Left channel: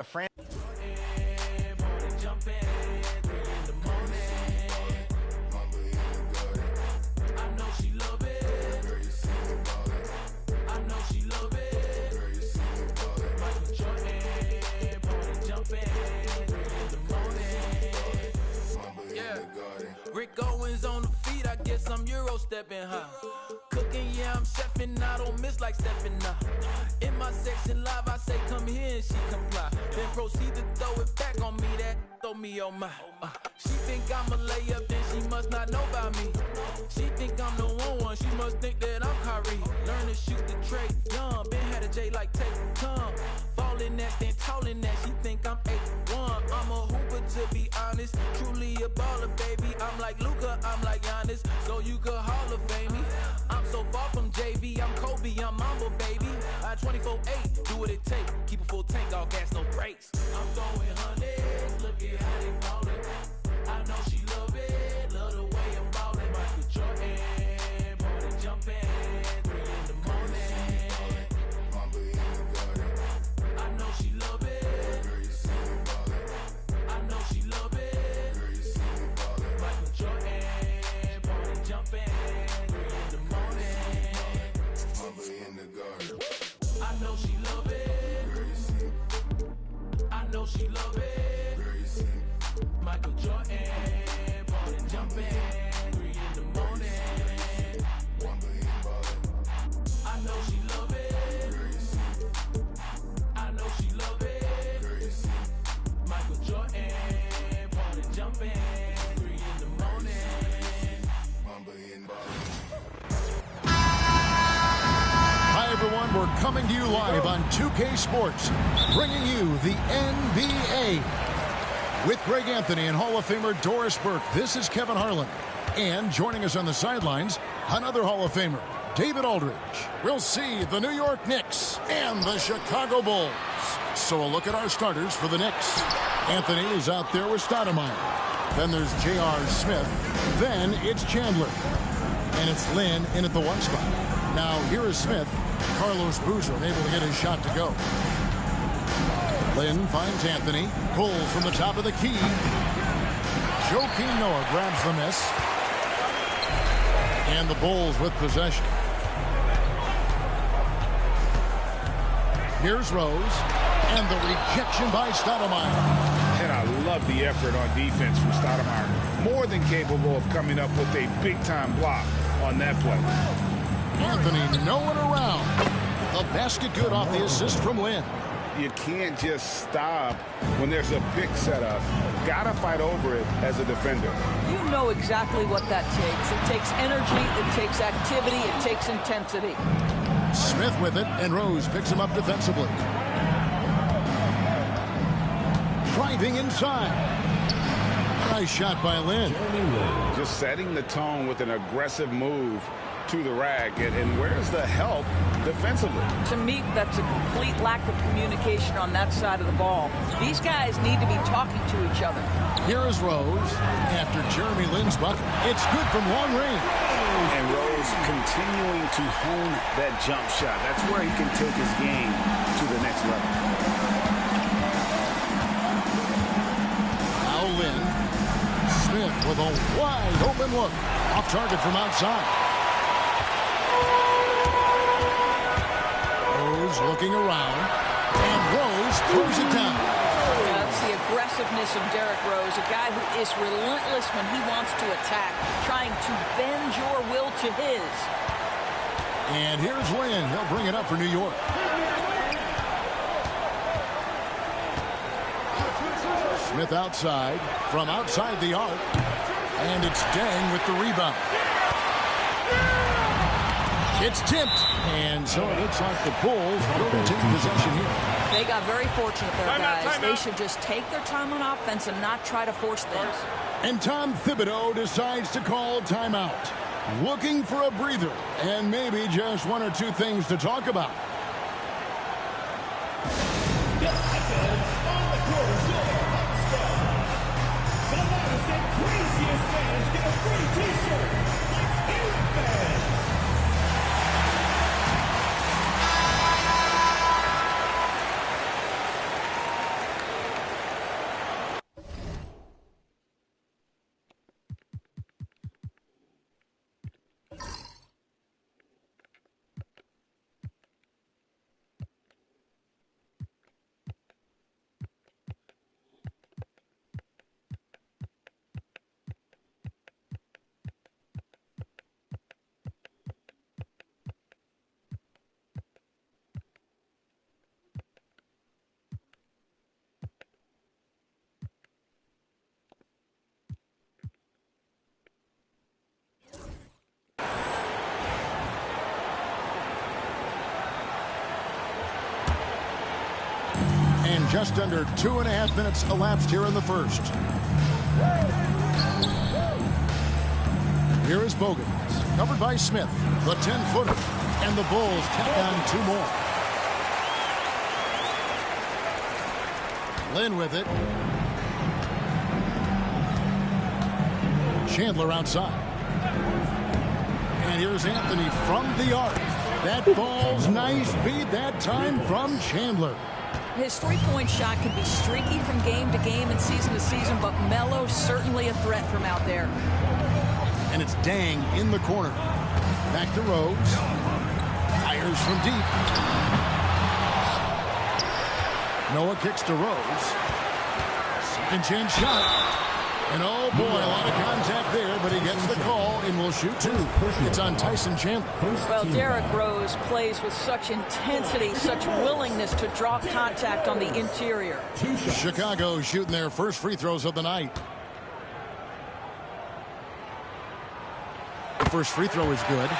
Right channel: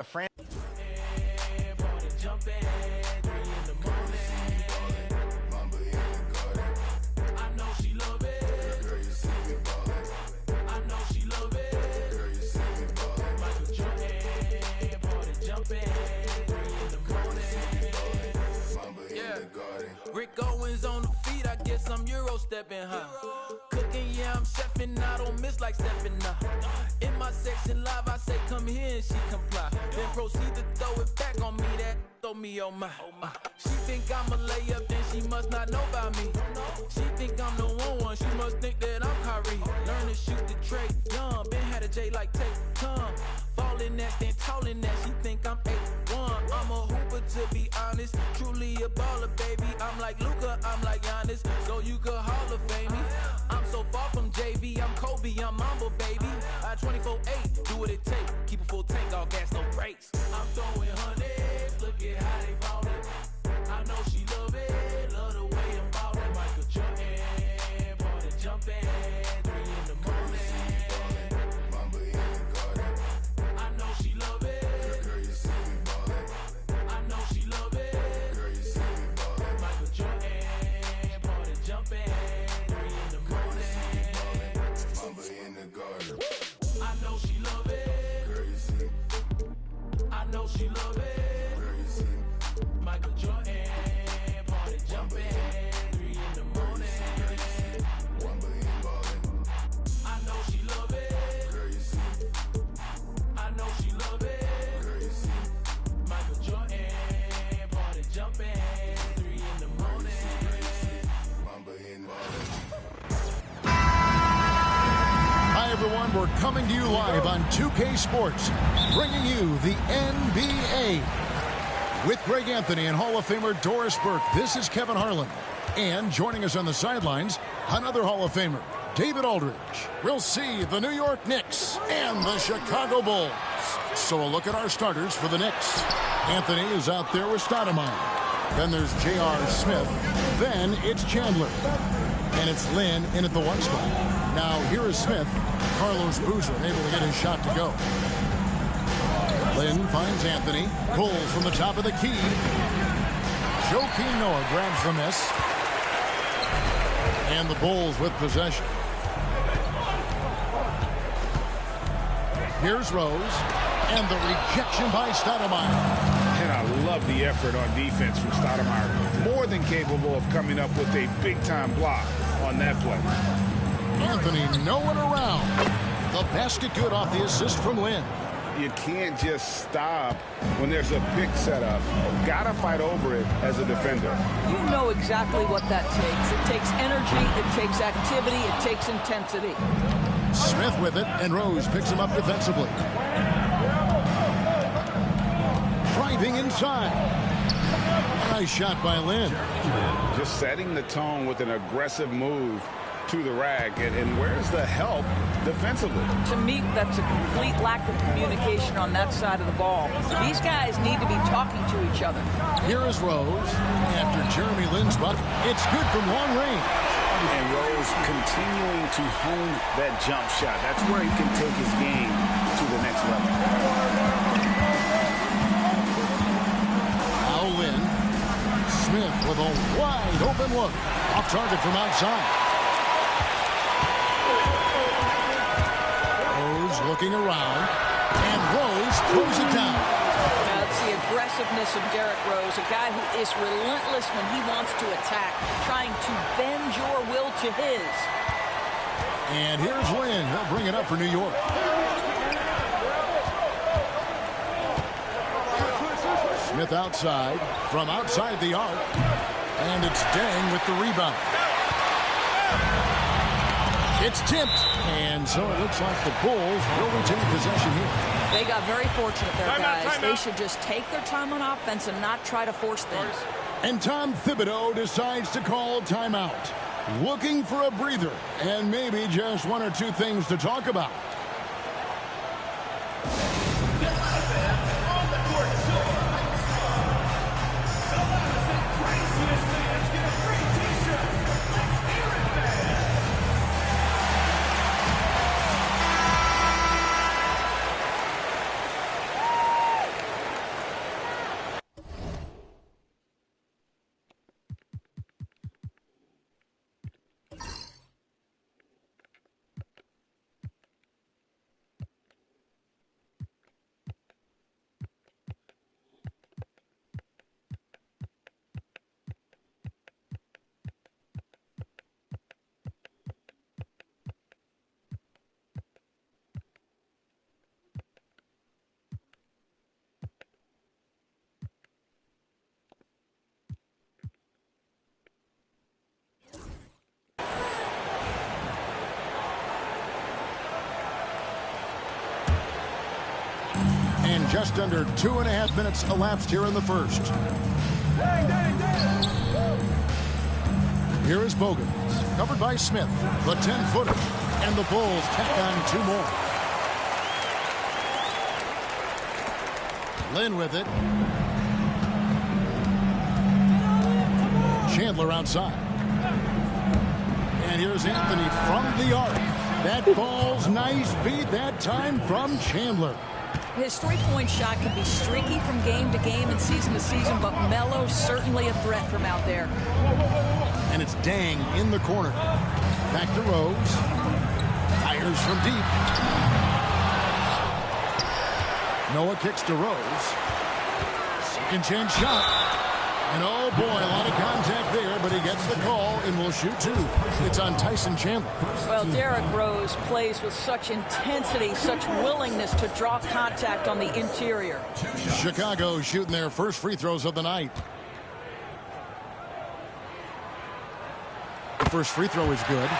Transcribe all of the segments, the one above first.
a friend. Rick Owens on the feet, I guess I'm Euro stepping high. Cooking, yeah, I'm chefing, I don't miss like stepping now. In my section live, I say come here and she comply. Then proceed to throw it back on me, that throw me on my. She think I'm a layup, then she must not know about me. She think I'm the one, she must think that I'm Kyrie. Learn to shoot the tray, young, been had a J like take time. Falling that, then tolling that, she think I'm 8'1". I'm a hooper to be honest, truly a baller, baby. I'm like Luka, I'm like Giannis, so you could Hall of Fame me. I'm so far from JV, I'm Kobe, I'm Mamba, baby. I 24/8, do what it take, keep a full tank, all gas, no brakes. I'm throwing hundreds, look at how they ballin'. I know she love it, love the way I'm ballin'. Michael Jordan, party jumpin', 3 in the morning. Mamba in the garden. I know she love it. Girl, you see me ballin'. I know she love it. Girl, you see me ballin'. Michael Jordan, party jumping, 3 in the morning. Mamba in the garden. I know she love it. Girl, you see me. I know she love it. Girl, you see me. Michael Jordan, party jumping, 3 in the morning. Mamba in ballin'. I know she love it. Girl, you see me. I know she love it. Girl, you see me. Michael Jordan, party jumping, 3 in the morning. Mamba in ballin'. Hi, everyone. We're coming to you live on 2K Sports, bringing you the NBA. With Greg Anthony and Hall of Famer Doris Burke, this is Kevin Harlan. And joining us on the sidelines, another Hall of Famer, David Aldridge. We'll see the New York Knicks and the Chicago Bulls. So a look at our starters for the Knicks. Anthony is out there with Stoudemire. Then there's J.R. Smith. Then it's Chandler. And it's Lynn in at the 1 spot. Now here is Smith. Carlos Boozer unable to get his shot to go. Lynn finds Anthony. Pulls from the top of the key. Joakim Noah grabs the miss. And the Bulls with possession. Here's Rose. And the rejection by Stoudemire. And I love the effort on defense from Stoudemire. More than capable of coming up with a big-time block on that play. Anthony nowhere around. The basket good off the assist from Lynn. You can't just stop when there's a pick set up. Gotta fight over it as a defender. You know exactly what that takes. It takes energy, it takes activity, it takes intensity. Smith with it, and Rose picks him up defensively. Driving inside. Nice shot by Lynn. Just setting the tone with an aggressive move to the rack. And where's the help defensively? To me, that's a complete lack of communication on that side of the ball. These guys need to be talking to each other. Here is Rose. After Jeremy Lin's bucket, it's good from long range. And Rose continuing to hone that jump shot. That's where he can take his game to the next level. Now Lynn. Smith with a wide open look. Off target from outside. Rose looking around. And Rose throws it down. That's the aggressiveness of Derrick Rose, a guy who is relentless when he wants to attack, trying to bend your will to his. And here's Lynn. He'll bring it up for New York. Smith outside, from outside the arc. And it's Deng with the rebound. It's tipped. And so it looks like the Bulls will retain possession here. They got very fortunate there, guys. They should just take their time on offense and not try to force things. And Tom Thibodeau decides to call timeout. Looking for a breather and maybe just 1 or 2 things to talk about. Just under 2.5 minutes elapsed here in the first. Here is Bogans, covered by Smith, the 10-footer, and the Bulls tack on 2 more. Lynn with it. Chandler outside. And here's Anthony from the arc. That ball's nice feed that time from Chandler. His three-point shot can be streaky from game to game and season to season, but Melo's certainly a threat from out there. And it's Dang in the corner. Back to Rose. Fires from deep. Noah kicks to Rose. Second chance shot. And oh boy, a lot of contact there, but he gets the call and will shoot 2. It's on Tyson Chandler. Well, Derrick Rose plays with such intensity, such willingness to draw contact on the interior. Chicago shooting their first free throws of the night. The first free throw is good.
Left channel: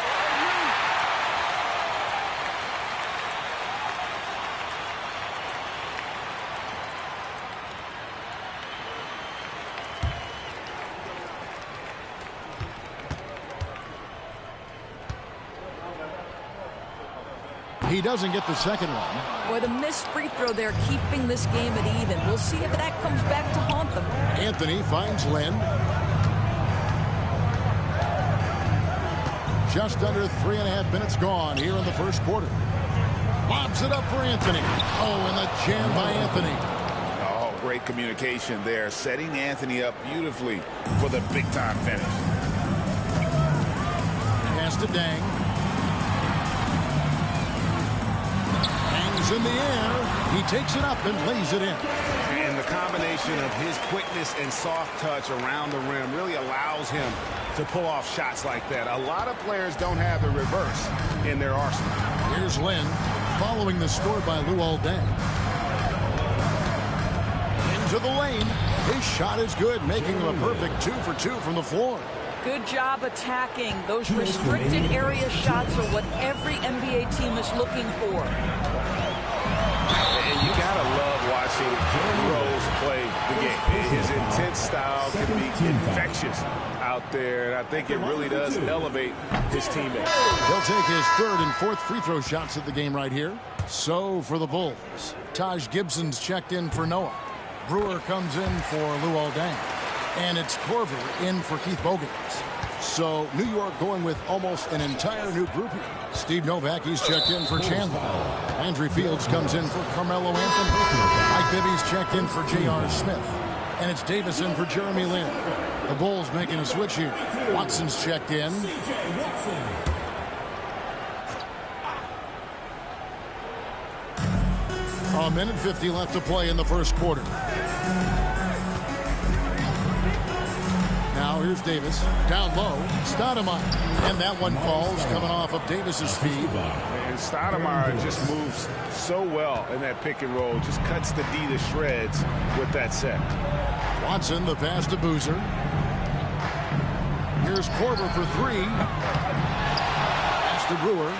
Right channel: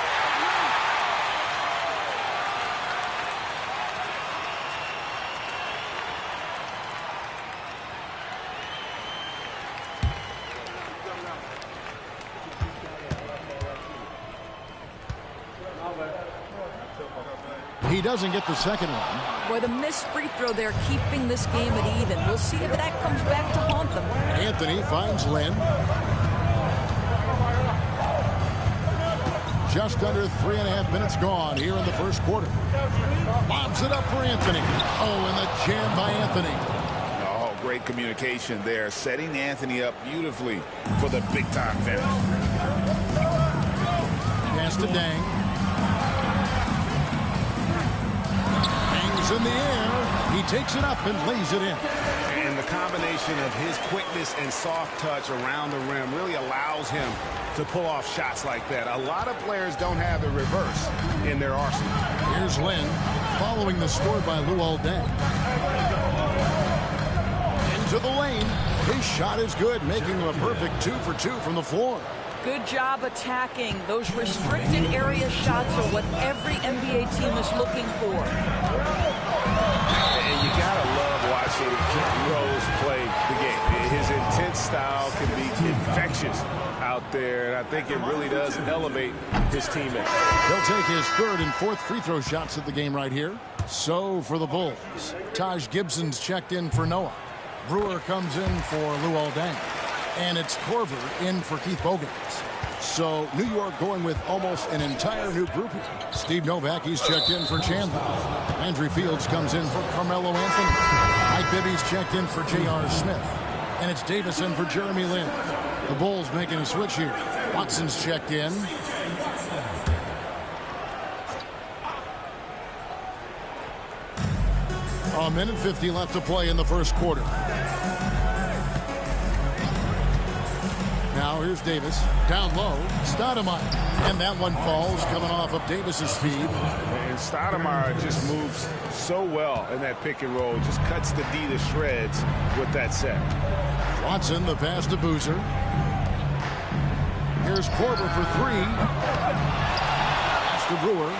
He doesn't get the second one. Boy, the missed free throw there keeping this game at even. We'll see if that comes back to haunt them. Anthony finds Lynn. Just under 3.5 minutes gone here in the first quarter. Lobs it up for Anthony. Oh, and the jam by Anthony. Oh, great communication there, setting Anthony up beautifully for the big-time finish. Pass to Dang. Hangs in the air. He takes it up and lays it in. And the combination of his quickness and soft touch around the rim really allows him to pull off shots like that. A lot of players don't have the reverse in their arsenal. Here's Lynn following the score by Luol Deng. Into the lane. His shot is good, making him a perfect 2 for 2 from the floor. Good job attacking. Those restricted area shots are what every NBA team is looking for. And you gotta love watching Rose play the game. His intense style can be infectious out there, and I think it really does elevate his teammates. He'll take his third and fourth free throw shots of the game right here. So for the Bulls, Taj Gibson's checked in for Noah. Brewer comes in for Luol Deng. And it's Korver in for Keith Bogans. So New York going with almost an entire new group here. Steve Novak, he's checked in for Chandler. Landry Fields comes in for Carmelo Anthony. Mike Bibby's checked in for J.R. Smith. And it's Davis in for Jeremy Lin. The Bulls making a switch here. Watson's checked in. A minute 50 left to play in the first quarter. Now here's Davis. Down low. Stoudemire. And that one falls coming off of Davis's feed. And Stoudemire just moves so well in that pick and roll. Just cuts the D to shreds with that set. Watson, the pass to Boozer. Here's Korver for 3. Pass to Brewer.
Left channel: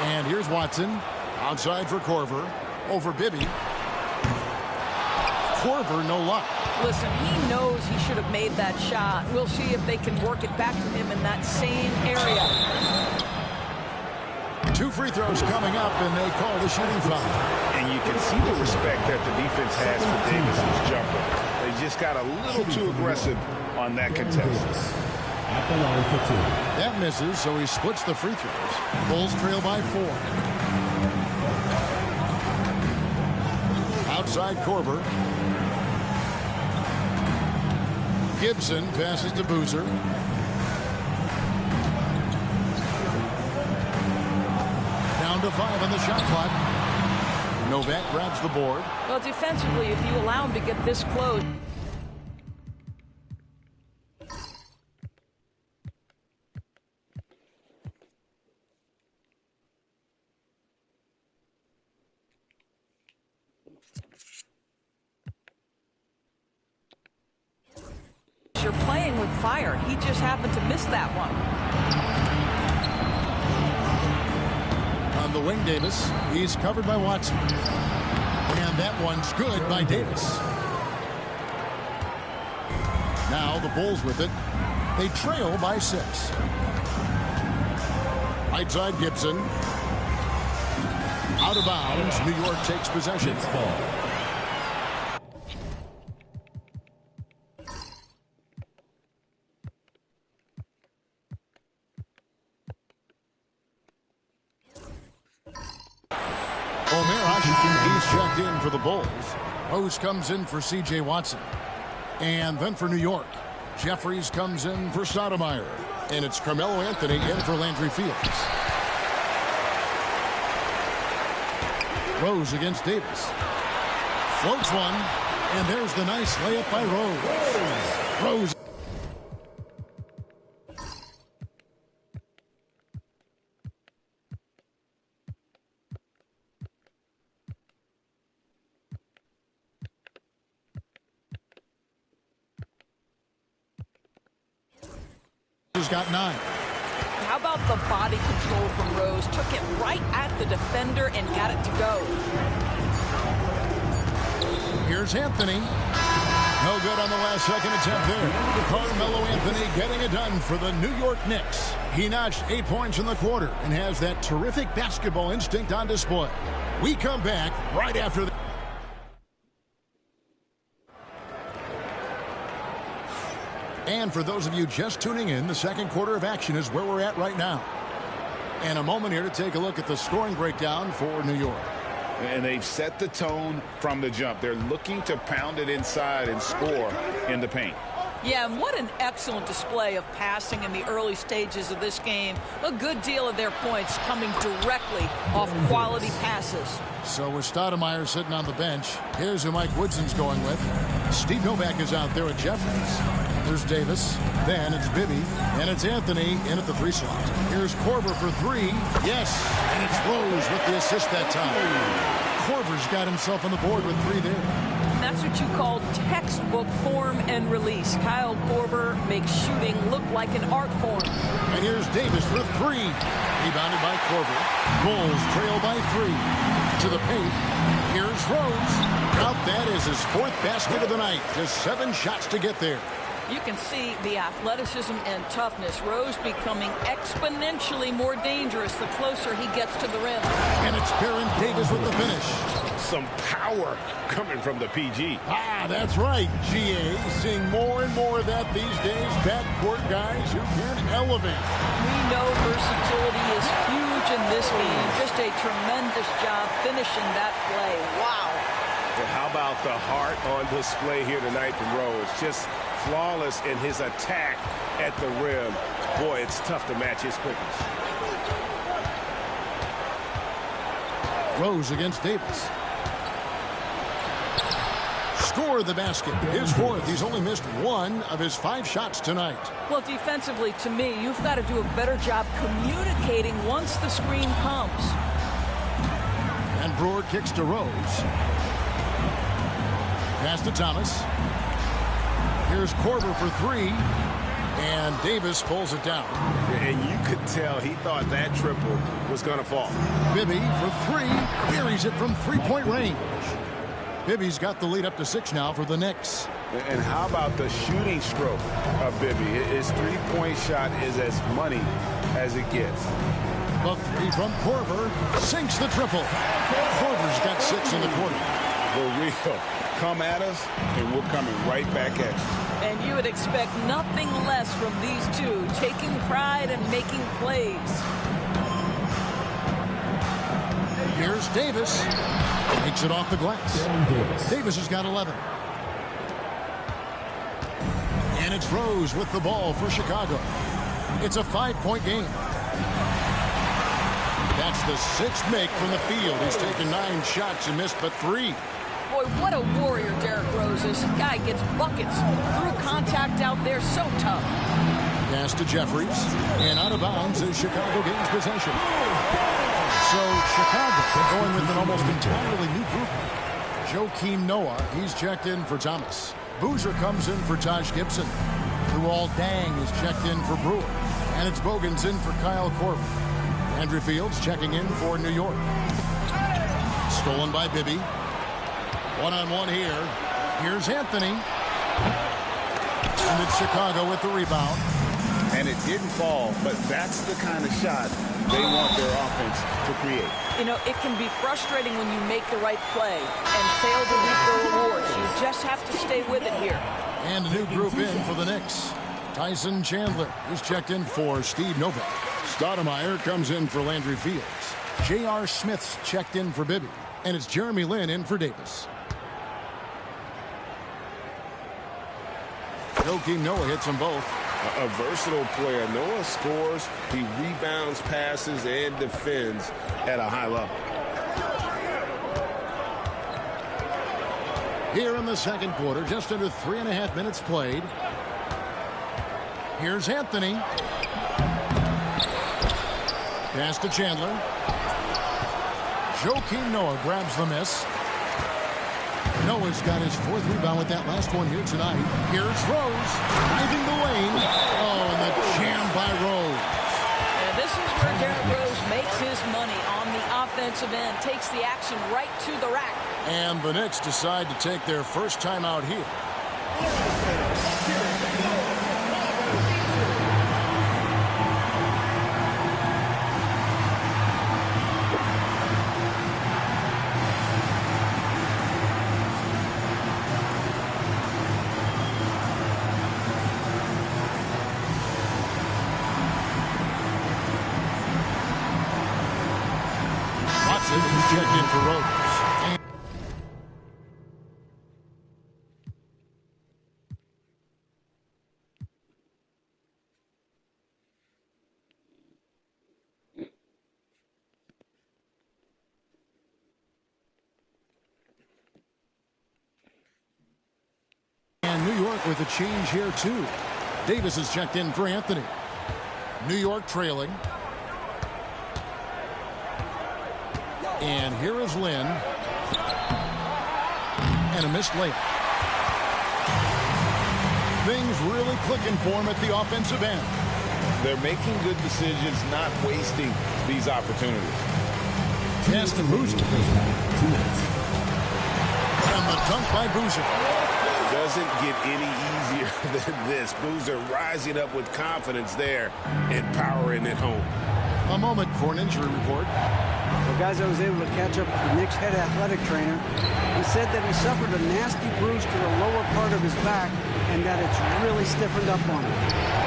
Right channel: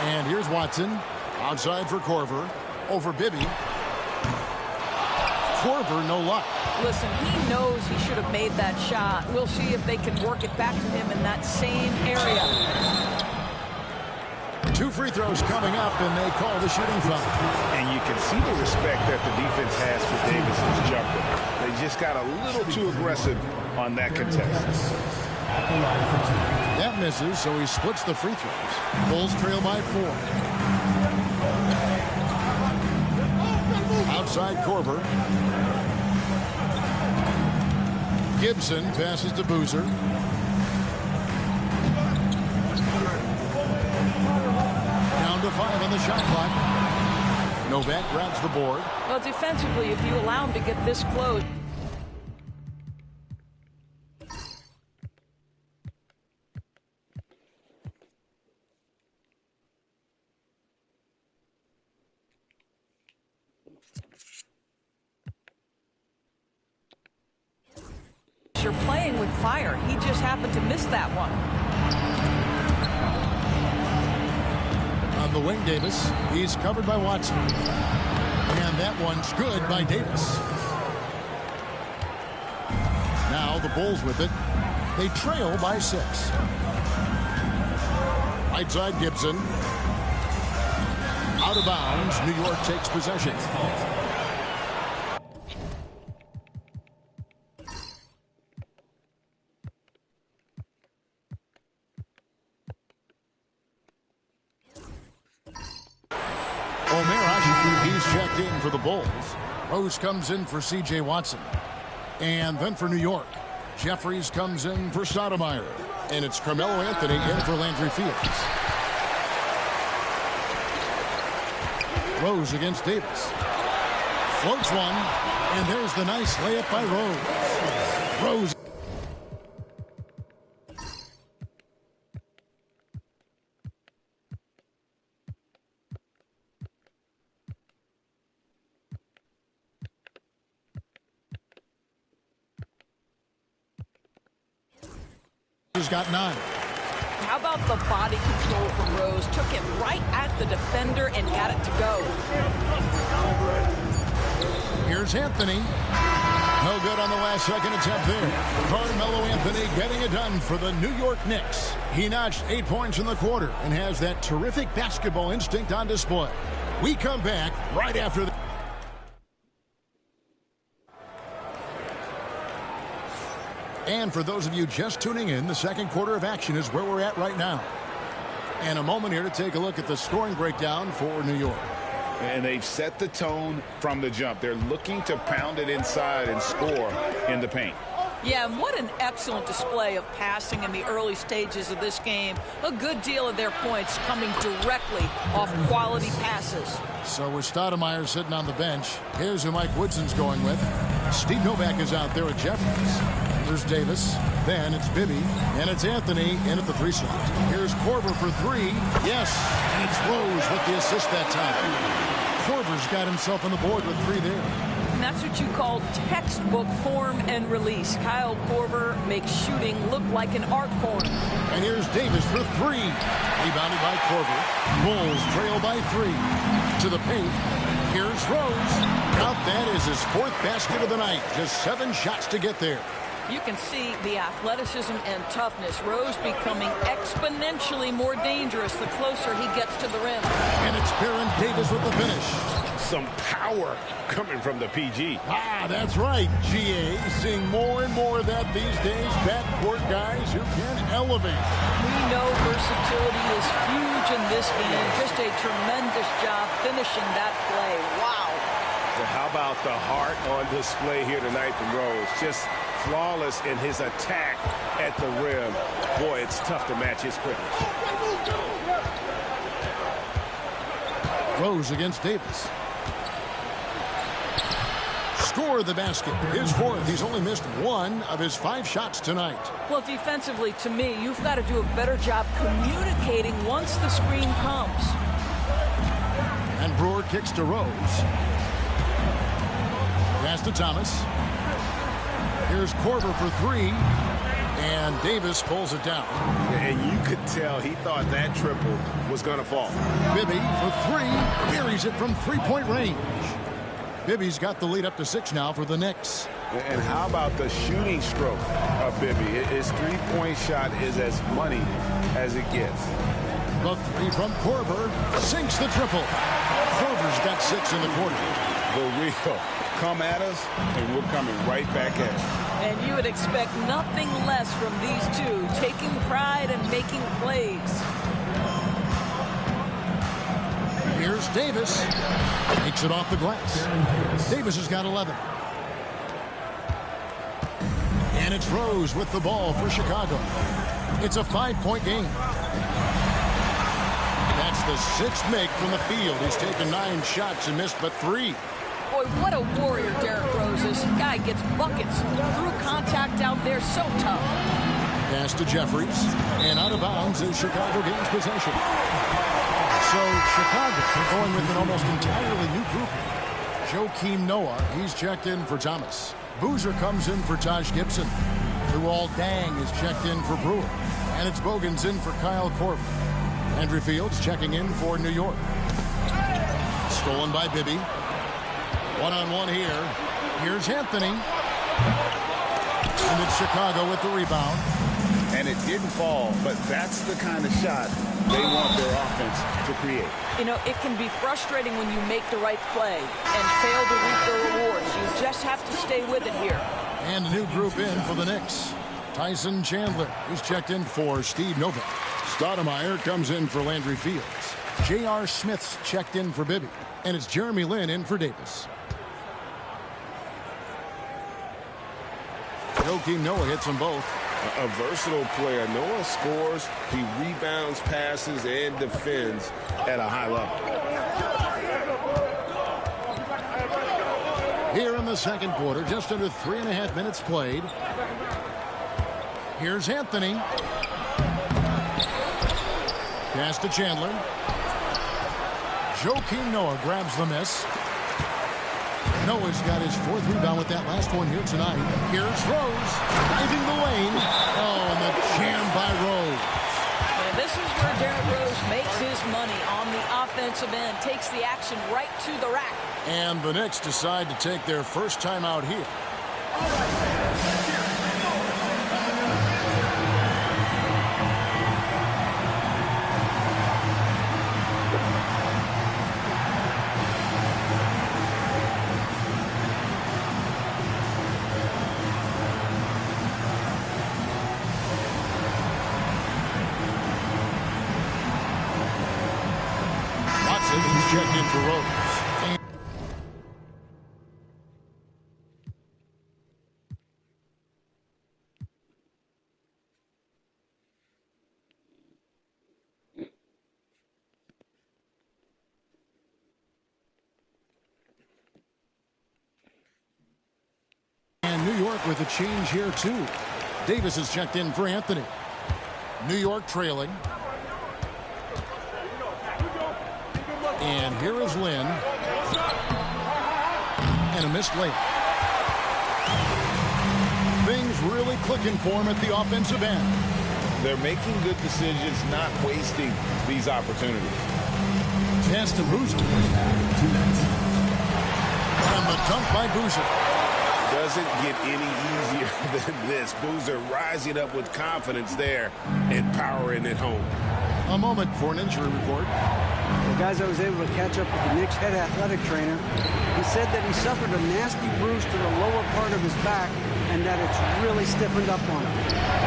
And here's Watson. Outside for Korver. Over Bibby. Korver, no luck. Listen, he knows he should have made that shot. We'll see if they can work it back to him in that same area. 2 free throws coming up, and they call the shooting foul. And you can see the respect that the defense has for Davis's jumper. They just got a little too aggressive on that contest. At the line for 2. That misses, so he splits the free throws. Bulls trail by 4. Outside Korver. Gibson passes to Boozer. Down to 5 on the shot clock. Novak grabs the board. Well, defensively, if you allow him to get this close. You're playing with fire. He just happened to miss that one. On the wing, Davis. He's covered by Watson. And that one's good by Davis. Now the Bulls with it. They trail by 6. Right side Gibson. Out of bounds. New York takes possession. He's checked in for the Bulls. Rose comes in for C.J. Watson. And then for New York, Jeffries comes in for Stoudemire. And it's Carmelo Anthony in for Landry Fields. Rose against Davis. Floats one. And there's the nice layup by Rose. Rose. Has got 9. How about the body control from Rose? Took it right at the defender and got it to go. Here's Anthony. No good on the last second attempt there. Carmelo Anthony getting it done for the New York Knicks. He notched 8 points in the quarter and has that terrific basketball instinct on display. We come back right after the... And for those of you just tuning in, the second quarter of action is where we're at right now. And a moment here to take a look at the scoring breakdown for New York. And they've set the tone from the jump. They're looking to pound it inside and score in the paint. Yeah, and what an excellent display of passing in the early stages of this game. A good deal of their points coming directly off quality passes. So with Stoudemire sitting on the bench, here's who Mike Woodson's going with. Steve Novak is out there at Jeffries. There's Davis. Then it's Bibby. And it's Anthony in at the 3 slot. Here's Korver for 3. Yes. And it's Rose with the assist that time. Korver's got himself on the board with 3 there. And that's what you call textbook form and release. Kyle Korver makes shooting look like an art form. And here's Davis for 3. Rebounded by Korver. Bulls trail by 3. To the paint. Here's Rose. Count that as his 4th basket of the night. Just 7 shots to get there. You can see the athleticism and toughness. Rose becoming exponentially more dangerous the closer he gets to the rim. And it's Baron Davis with the finish. Some power coming from the PG. Ah, that's right, GA. Seeing more and more of that these days. Backcourt guys who can elevate. We know versatility is huge in this game. Just a tremendous job finishing that play. Wow. How about the heart on display here tonight from Rose? Just flawless in his attack at the rim. Boy, it's tough to match his quickness. Rose against Davis. Score the basket. His 4th. He's only missed 1 of his 5 shots tonight. Well, defensively, to me, you've got to do a better job communicating once the screen comes. And Brewer kicks to Rose. Pass to Thomas. Here's Korver for 3. And Davis pulls it down. And you could tell he thought that triple was going to fall. Bibby for 3. Buries it from 3-point range. Bibby's got the lead up to 6 now for the Knicks. And how about the shooting stroke of Bibby? His 3-point shot is as money as it gets. The 3 from Korver sinks the triple. Korver's got 6 in the quarter. The real. Come at us, and we're coming right back at you. And you would expect nothing less from these two, taking pride and making plays. Here's Davis. Takes it off the glass. Davis has got 11. And it's Rose with the ball for Chicago. It's a 5-point game. That's the 6th make from the field. He's taken 9 shots and missed but 3. Boy, what a warrior Derrick Rose is. Guy gets buckets through contact out there. So tough. Pass to Jeffries. And out of bounds as Chicago gains possession. So Chicago going with an almost entirely new group. Joakim Noah, he's checked in for Thomas. Boozer comes in for Taj Gibson. Luol Deng is checked in for Brewer. And it's Bogan's in for Kyle Korver. Andrew Fields checking in for New York. Stolen by Bibby. One-on-one here. Here's Anthony. And it's Chicago with the rebound. And it didn't fall, but that's the kind of shot they want their offense to create. You know, it can be frustrating when you make the right play and fail to reap the rewards. You just have to stay with it here. And a new group in for the Knicks. Tyson Chandler is checked in for Steve Novak. Stoudemire comes in for Landry Fields. J.R. Smith's checked in for Bibby. And it's Jeremy Lin in for Davis. Joakim Noah hits them both. A versatile player. Noah scores, he rebounds, passes, and defends at a high level. Here in the second quarter, just under 3.5 minutes played. Here's Anthony. Pass to Chandler. Joakim Noah grabs the miss. Noah's got his 4th rebound with that last one here tonight. Here's Rose driving the lane. Oh, and the jam by Rose. And this is where Derrick Rose makes his money on the offensive end. Takes the action right to the rack. And the Knicks decide to take their first time out here. He's checked in for Rose. And New York with a change here, too. Davis is checked in for Anthony. New York trailing. And here is Lin. And a missed layup. Things really clicking for him at the offensive end. They're making good decisions, not wasting these opportunities. Pass to Boozer. And the dunk by Boozer. Doesn't get any easier than this. Boozer rising up with confidence there and powering it home. A moment for an injury report. Well, guys, I was able to catch up with the Knicks head athletic trainer. He said that he suffered a nasty bruise to the lower part of his back and that it's really stiffened up on him.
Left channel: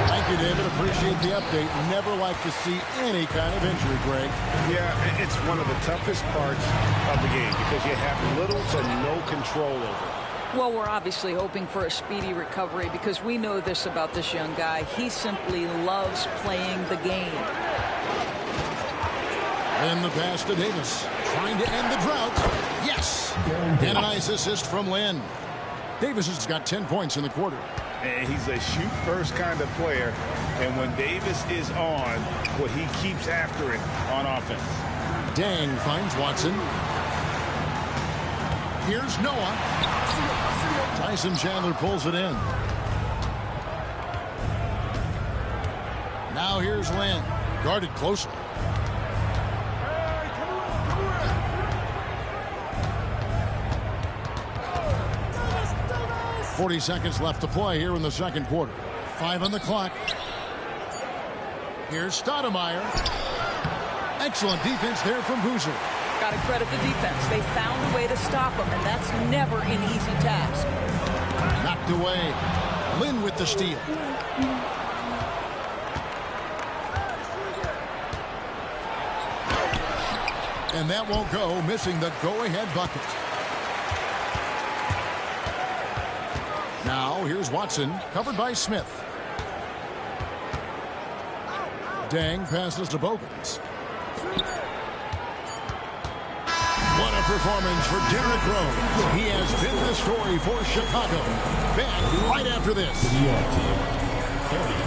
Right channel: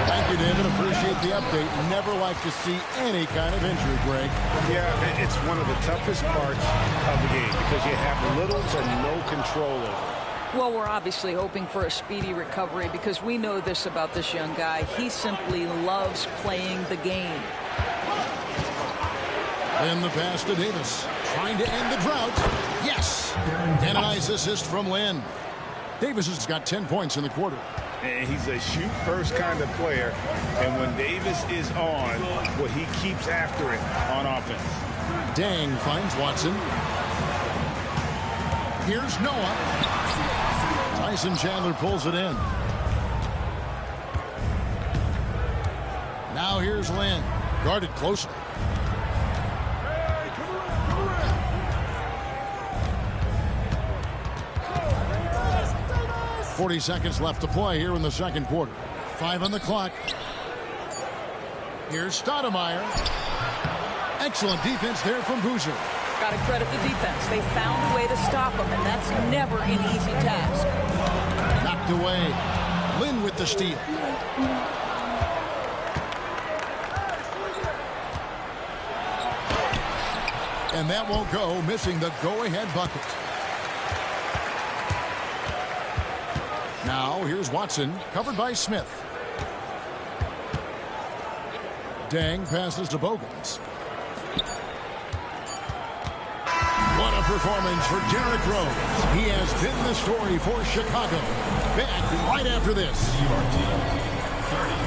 Thank you, David. Appreciate the update. Never like to see any kind of injury, Greg. Yeah, it's one of the toughest parts of the game because you have little to no control over it. Well, we're obviously hoping for a speedy recovery because we know this about this young guy. He simply loves playing the game. And the pass to Davis. Trying to end the drought. Yes! And a nice assist from Lin. Davis has got 10 points in the quarter. And he's a shoot-first kind of player. And when Davis is on, well, he keeps after it on offense. Dang finds Watson. Here's Noah. Tyson Chandler pulls it in. Now here's Lin. Guarded closely. 40 seconds left to play here in the second quarter. 5 on the clock. Here's Stoudemire. Excellent defense there from Boozer. Got to credit the defense. They found a way to stop him, and that's never an easy task. Knocked away. Lin with the steal. And that won't go, missing the go-ahead bucket. Now, here's Watson, covered by Smith. Dang passes to Bogans. What a performance for Derrick Rose. He has been the story for Chicago. Back right after this. New York team, 30.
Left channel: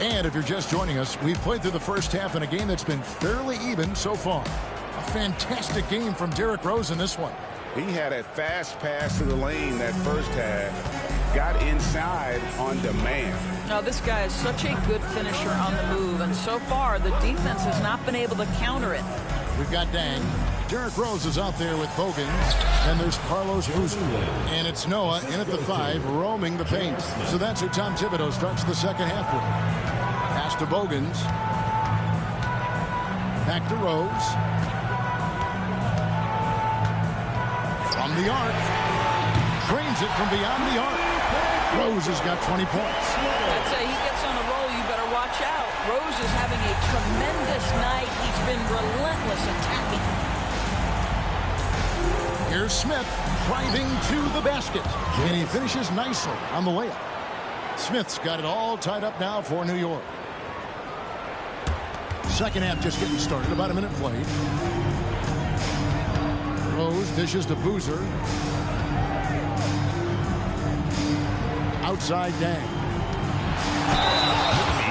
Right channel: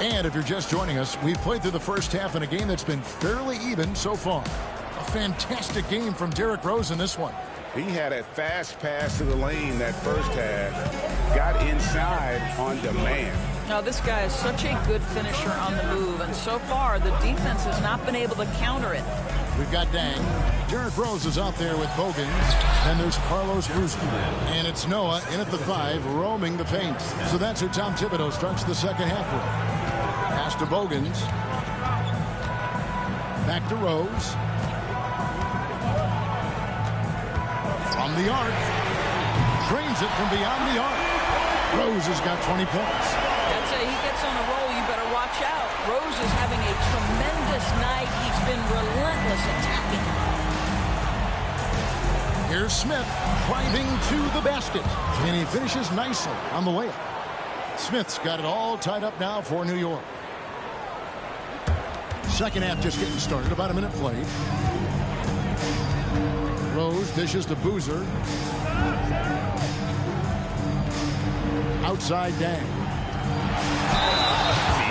And if you're just joining us, we've played through the first half in a game that's been fairly even so far. A fantastic game from Derrick Rose in this one. He had a fast pass to the lane that first half. Got inside on demand. Now, this guy is such a good finisher on the move, and so far the defense has not been able to counter it. We've got Dang. Derrick Rose is out there with Bogans. And there's Carlos Boozer. And it's Noah in at the 5, roaming the paint. So that's who Tom Thibodeau starts the second half with. Pass to Bogans. Back to Rose. From the arc. Drains it from beyond the arc. Rose has got 20 points. I'd say he gets on a roll, you better watch out. Rose is having a tremendous night. He's been relentless attacking. Here's Smith driving to the basket. And he finishes nicely on the layup. Smith's got it all tied up now for New York. Second half just getting started. About a minute played. Rose dishes to Boozer. Outside Dang.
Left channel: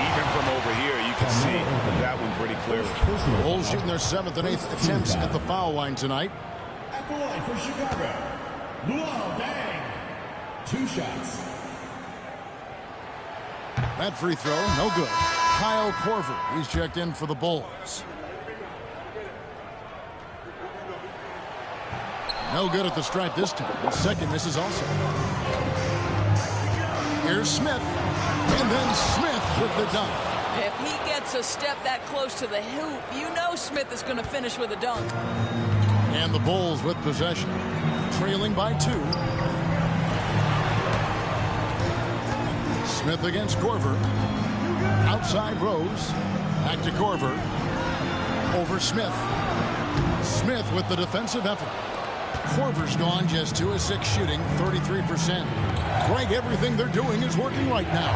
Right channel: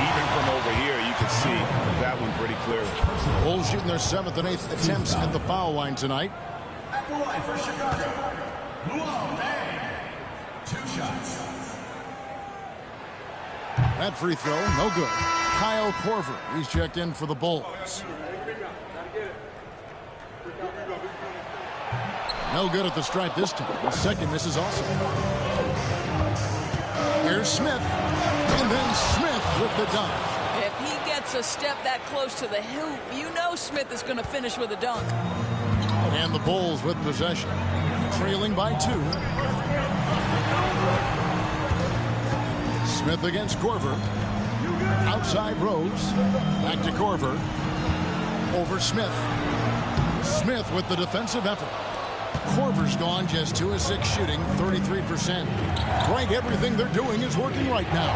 Even from over here, you can see that one pretty clearly. Bulls shooting their 7th and 8th attempts at the foul line tonight. At the line for Chicago, Luol Deng. 2 shots. That free throw, no good. Kyle Korver, he's checked in for the Bulls. No good at the stripe this time. Second misses also. Here's Smith. And then Smith with the dunk. If he gets a step that close to the hoop, you know Smith is going to finish with a dunk. And the Bulls with possession. Trailing by 2. Smith against Korver. Outside Rose. Back to Korver. Over Smith. Smith with the defensive effort. Korver's gone just 2 of 6 shooting, 33%. Greg, everything they're doing is working right now.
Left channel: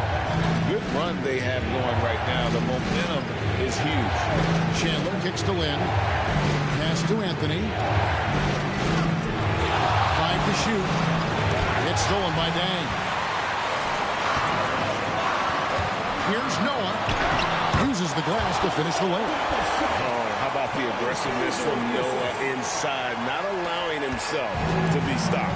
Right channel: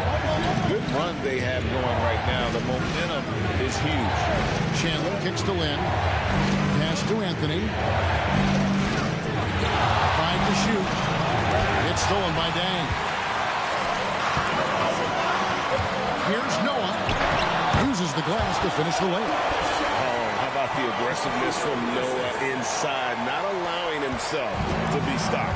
Good run they have going right now. The momentum is huge. Chandler kicks to Lynn. Pass to Anthony. 5 to shoot. It's stolen by Dang. Here's Noah. Uses the glass to finish the layup. How about the aggressiveness from Noah inside, not allowing himself to be stopped.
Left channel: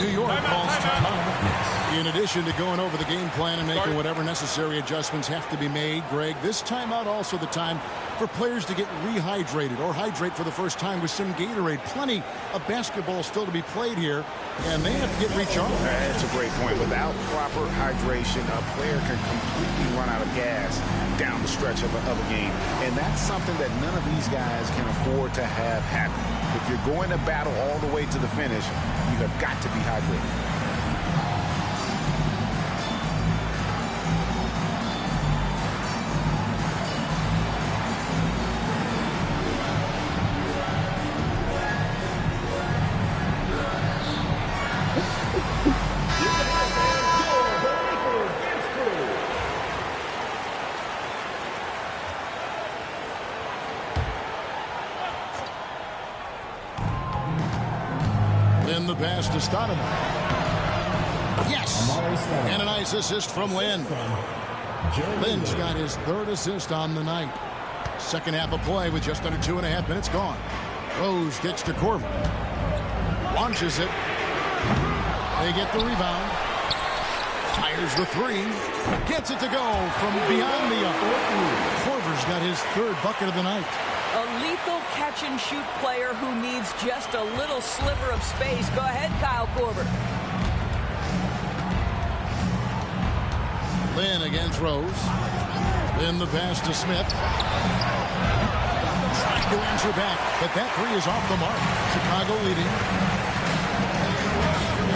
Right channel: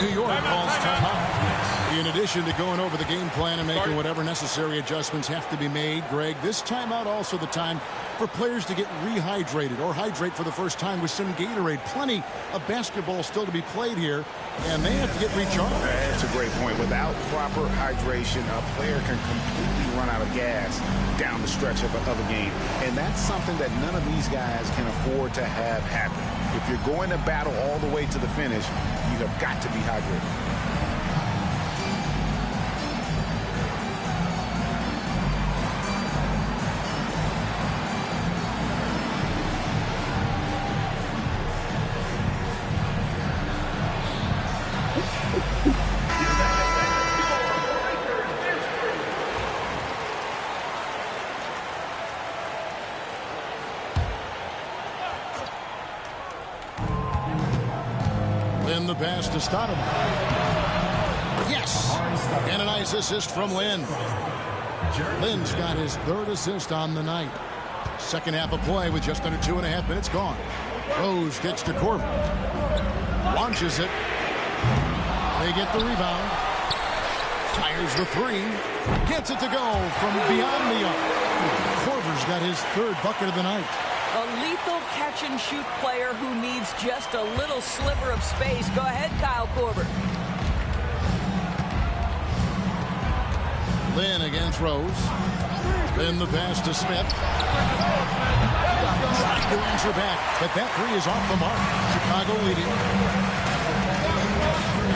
New York calls timeout. In addition to going over the game plan and making whatever necessary adjustments have to be made, Greg, this timeout also the time for players to get rehydrated or hydrate for the first time with some Gatorade. Plenty of basketball still to be played here, and they have to get recharged. That's a great point. Without proper hydration, a player can completely run out of gas down the stretch of a game. And that's something that none of these guys can afford to have happen. If you're going to battle all the way to the finish, you have got to be hydrated. Lynn the pass to Stoudemire. Yes! And a nice assist from Lynn. Lynn's got his 3rd assist on the night. Second half of play with just under 2.5 minutes gone. Rose kicks to Korver. Launches it. They get the rebound. Fires the 3. Gets it to go from beyond the arc. Korver's got his 3rd bucket of the night. A lethal catch-and-shoot player who needs just a little sliver of space. Go ahead, Kyle Korver. Lynn against Rose. Lynn the pass to Smith. Trying to answer back, but that 3 is off the mark. Chicago leading.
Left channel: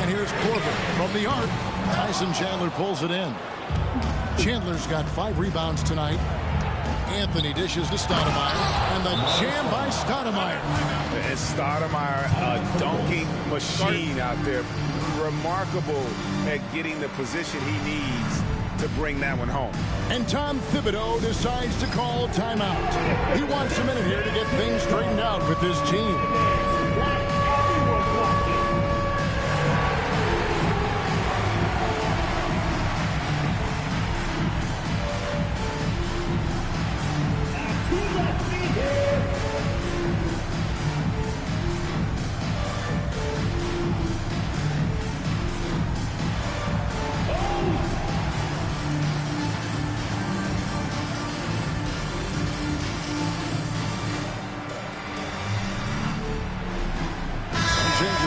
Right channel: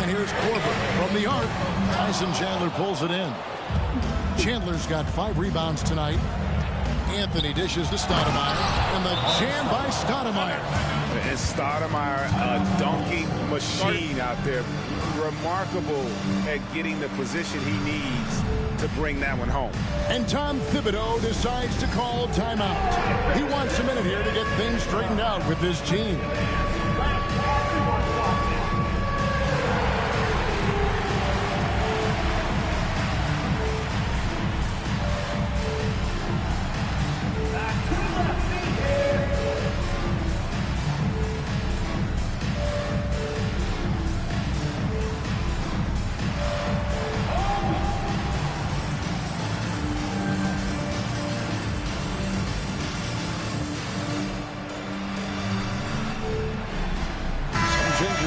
And here's Korver from the arc. Tyson Chandler pulls it in. Chandler's got 5 rebounds tonight. Anthony dishes to Stoudemire, and the jam by Stoudemire. And Stoudemire, a dunking machine out there. Remarkable at getting the position he needs to bring that one home. And Tom Thibodeau decides to call timeout. He wants a minute here to get things straightened out with his team.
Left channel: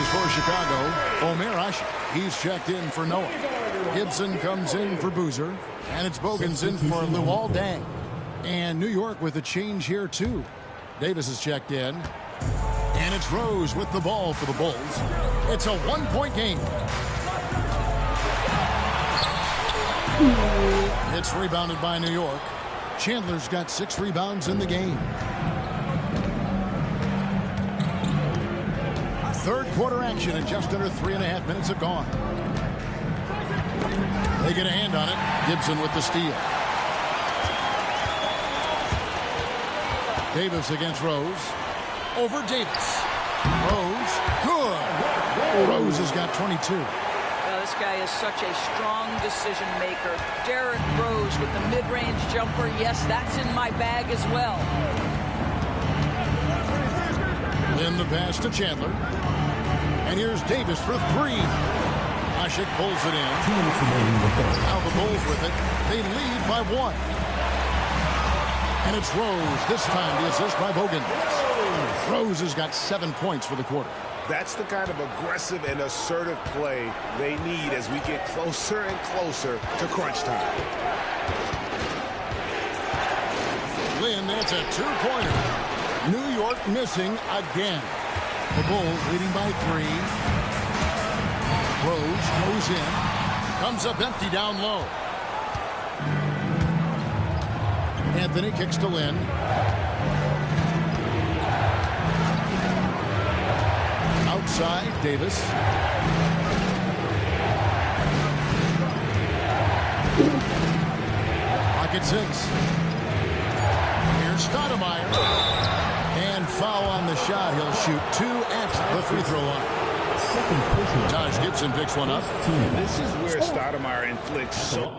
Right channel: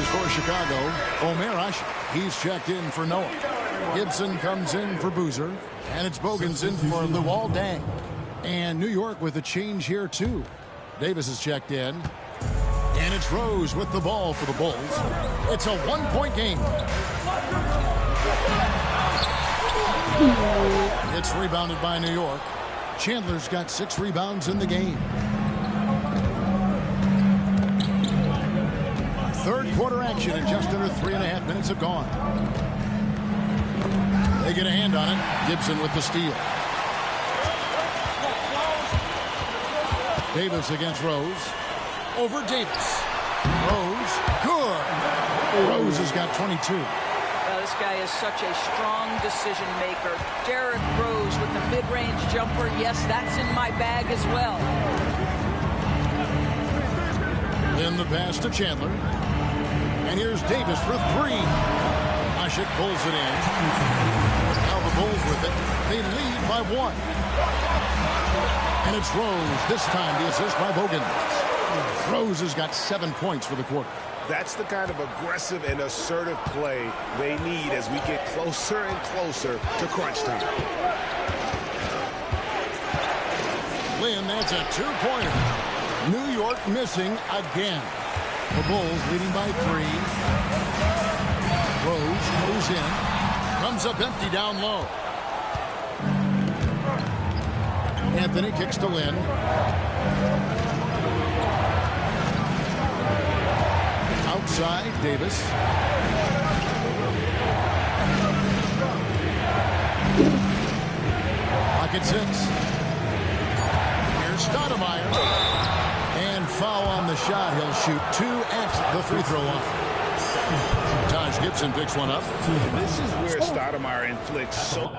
for Chicago, Omer Ashe. He's checked in for Noah. Gibson comes in for Boozer. And it's Bogans in for Luol Deng. And New York with a change here, too. Davis is checked in. And it's Rose with the ball for the Bulls. It's a one-point game. It's rebounded by New York. Chandler's got 6 rebounds in the game. Third quarter action and just under 3.5 minutes have gone. They get a hand on it. Gibson with the steal. Davis against Rose. Over Davis. Rose. Good. Rose has got 22. Well, this guy is such a strong decision maker. Derrick Rose with the mid-range jumper. Yes, that's in my bag as well. Then the pass to Chandler. And here's Davis for 3. Ashe pulls it in. Now the Bulls with it. They lead by 1. And it's Rose. This time the assist by Bogans. Rose has got 7 points for the quarter. That's the kind of aggressive and assertive play they need as we get closer and closer to crunch time. Lynn, that's a 2-pointer. New York missing again. The Bulls leading by 3. Rose goes in. Comes up empty down low. Anthony kicks to Lynn. Outside, Davis. Pocket 6. Here's Stoudemire. And foul on the shot. He'll shoot 2 at the free throw line. Taj Gibson picks one up. And this is where Stoudemire inflicts so...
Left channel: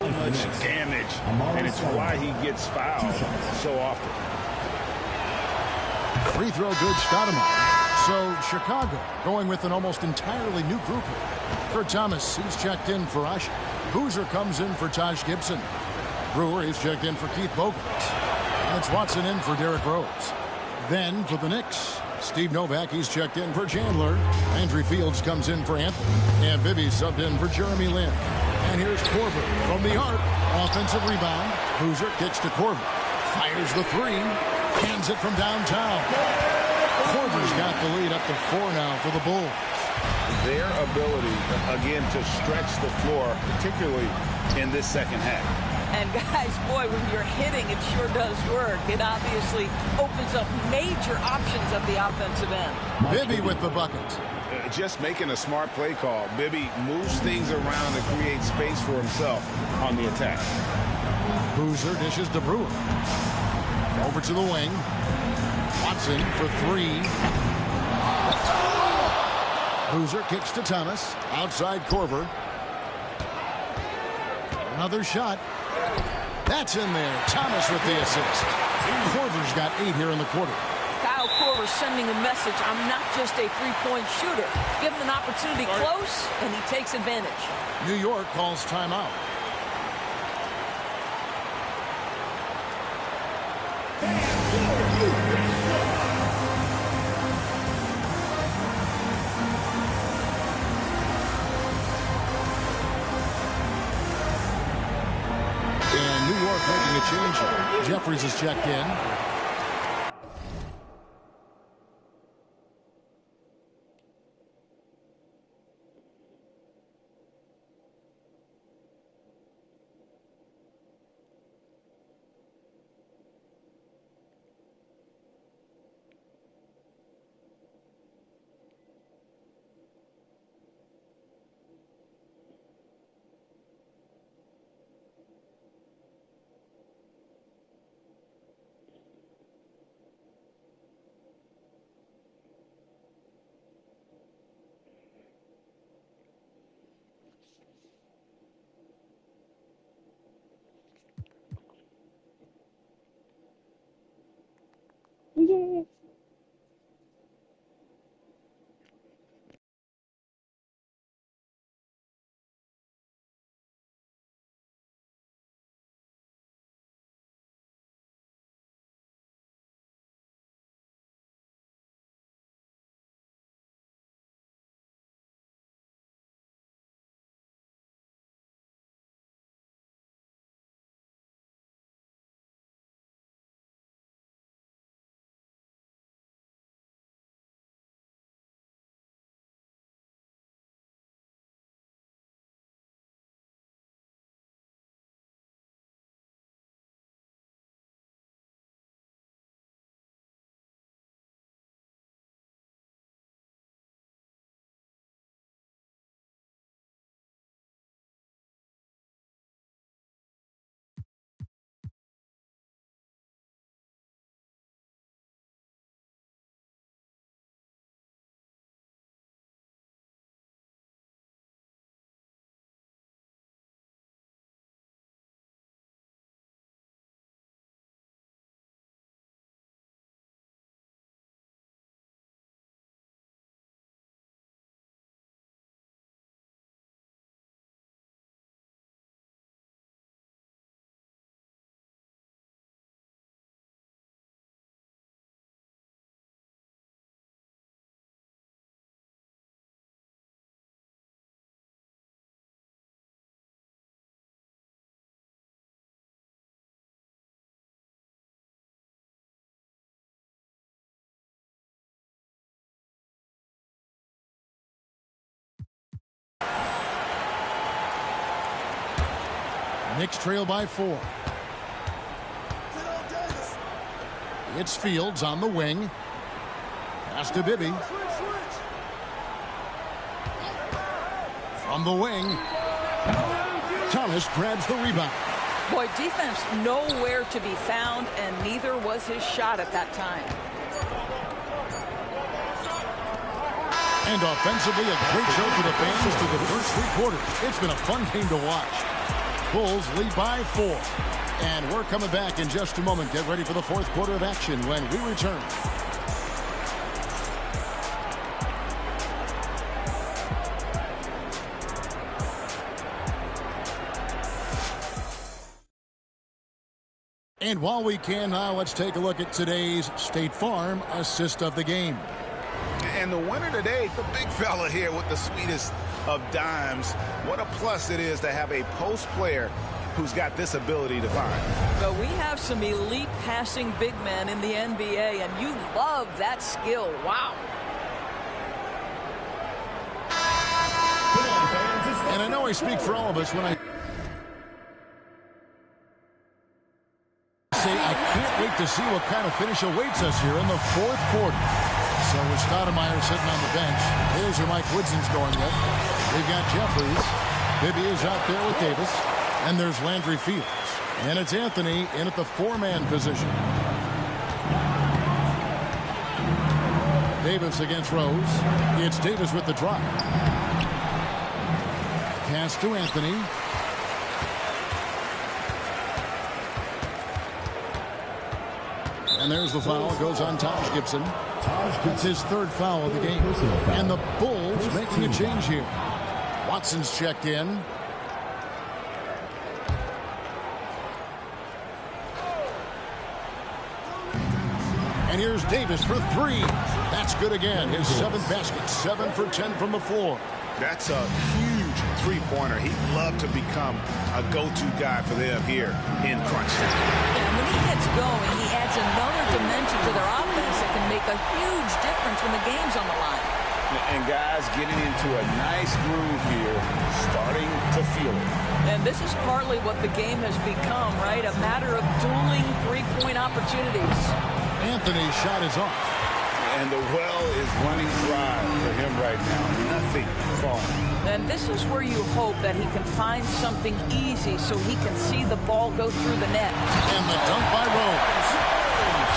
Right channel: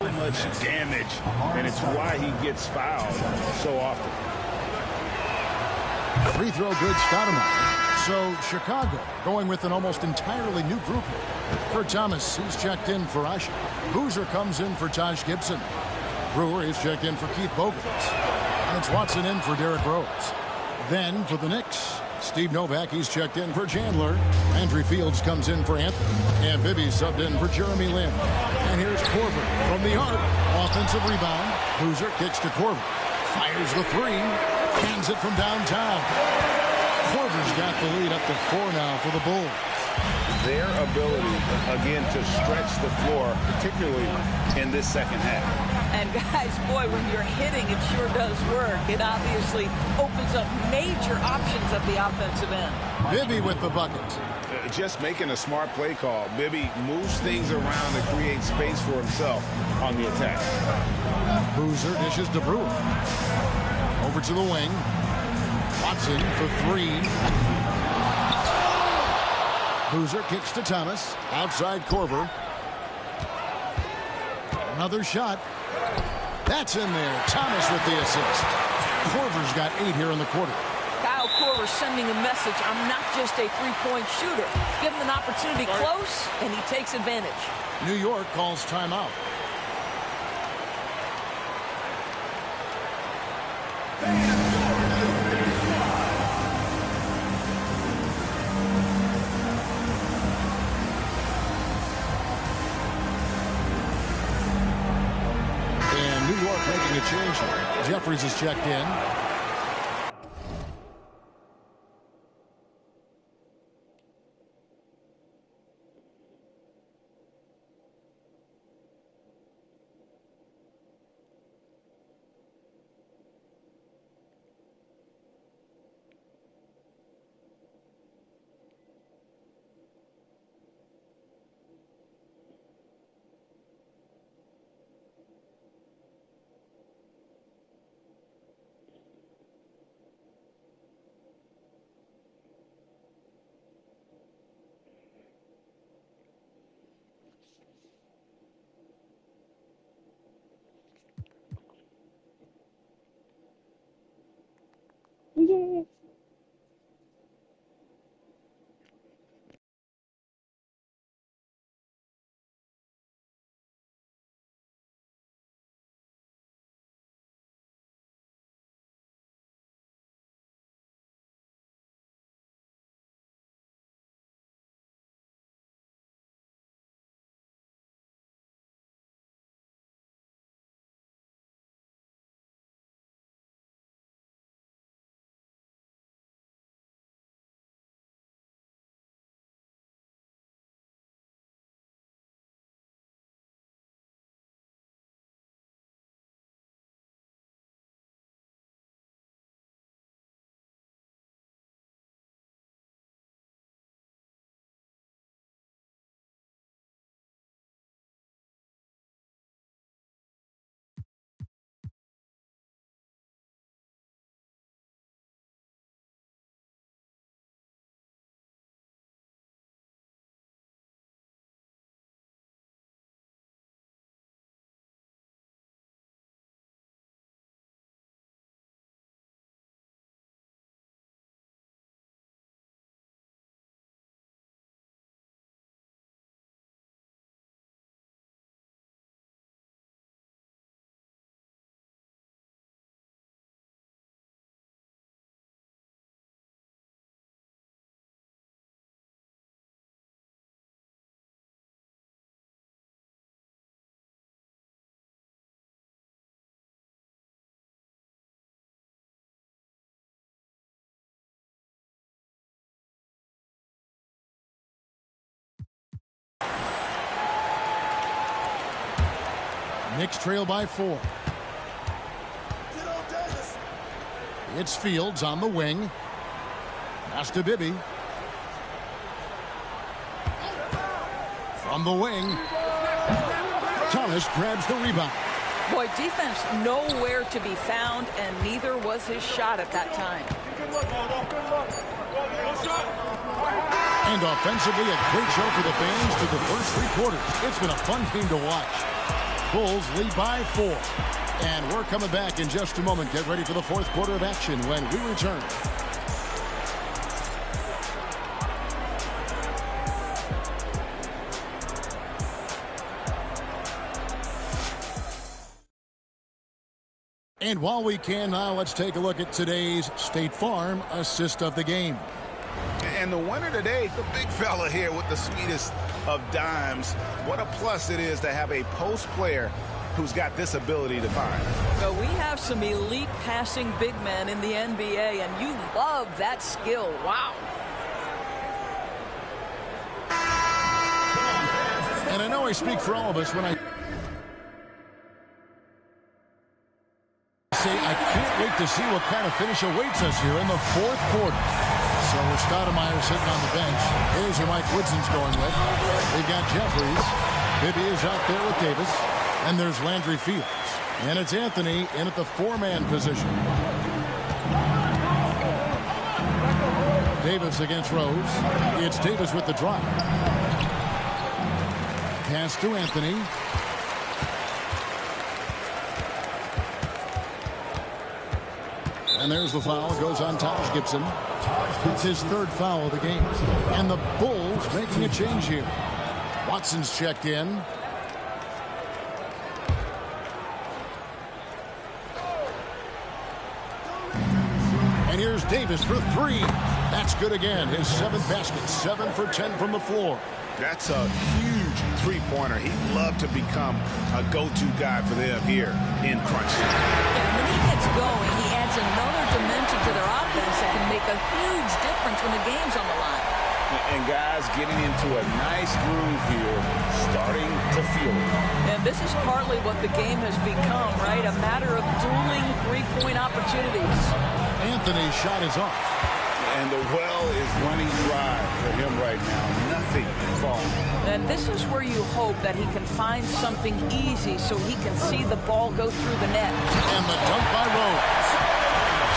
much damage, and it's why he gets fouled so often. Free throw good, Stoudemire. So Chicago going with an almost entirely new group here. Kurt Thomas, he's checked in for Ashe. Boozer comes in for Taj Gibson. Brewer is checked in for Keith Bogans. And it's Watson in for Derrick Rose. Then for the Knicks, Steve Novak, he's checked in for Chandler. Landry Fields comes in for Anthony. And Bibby subbed in for Jeremy Lin. And here's Korver from the arc. Offensive rebound. Boozer kicks to Korver. Fires the 3. Hands it from downtown. Korver's got the lead up to 4 now for the Bulls. Their ability, again, to stretch the floor, particularly in this second half. And guys, boy, when you're hitting, it sure does work. It obviously opens up major options at the offensive end. Bibby with the bucket. Just making a smart play call. Bibby moves things around to create space for himself on the attack. Boozer dishes to Brewer. Over to the wing. Watson for 3. Boozer kicks to Thomas. Outside Korver. Another shot. That's in there. Thomas with the assist. Korver's got 8 here in the quarter. Kyle Korver sending a message. I'm not just a three-point shooter. Give him an opportunity close, and he takes advantage. New York calls timeout. And New York making a change here. Jeffries is checked in. Knicks trail by 4. It's Fields on the wing. Pass to Bibby. From the wing. Thomas grabs the rebound. Boy, defense nowhere to be found, and neither was his shot at that time. And offensively, a great show for the fans through the first 3 quarters. It's been a fun game to watch. Bulls lead by 4. And we're coming back in just a moment. Get ready for the 4th quarter of action when we return. And while we can now, let's take a look at today's State Farm assist of the game. And the winner today, the big fella here with the sweetest of dimes. What a plus it is to have a post player who's got this ability to find. So we have some elite passing big men in the NBA, and you love that skill. Wow. And I know I speak for all of us when I say I can't wait to see what kind of finish awaits us here in the 4th quarter. So with Stoudemire sitting on the bench, here's who Mike Woodson's going with. They've got Jeffries. Bibby is out there with Davis. And there's Landry Fields. And it's Anthony in at the 4-man position. Davis against Rose. It's Davis with the drive. Pass to Anthony. And there's the foul. It goes on Taj Gibson. That's his 3rd foul of the game. And the Bulls making a change here. Watson's checked in. And here's Davis for 3. That's good again. His 7th basket. 7 for 10 from the floor. That's a huge three-pointer. He'd love to become a go-to guy for them here in crunch time. Yeah, when he gets going, he adds another dimension to their offense that can make a huge difference when the game's on the line. And guys getting into a nice groove here, starting to feel it. And this is partly what the game has become, right? A matter of dueling three-point opportunities. Anthony's shot is off. And the well is running dry for him right now. Nothing falling. And this is where you hope that he can find something easy so he can see the ball go through the net. And the dunk by Rose.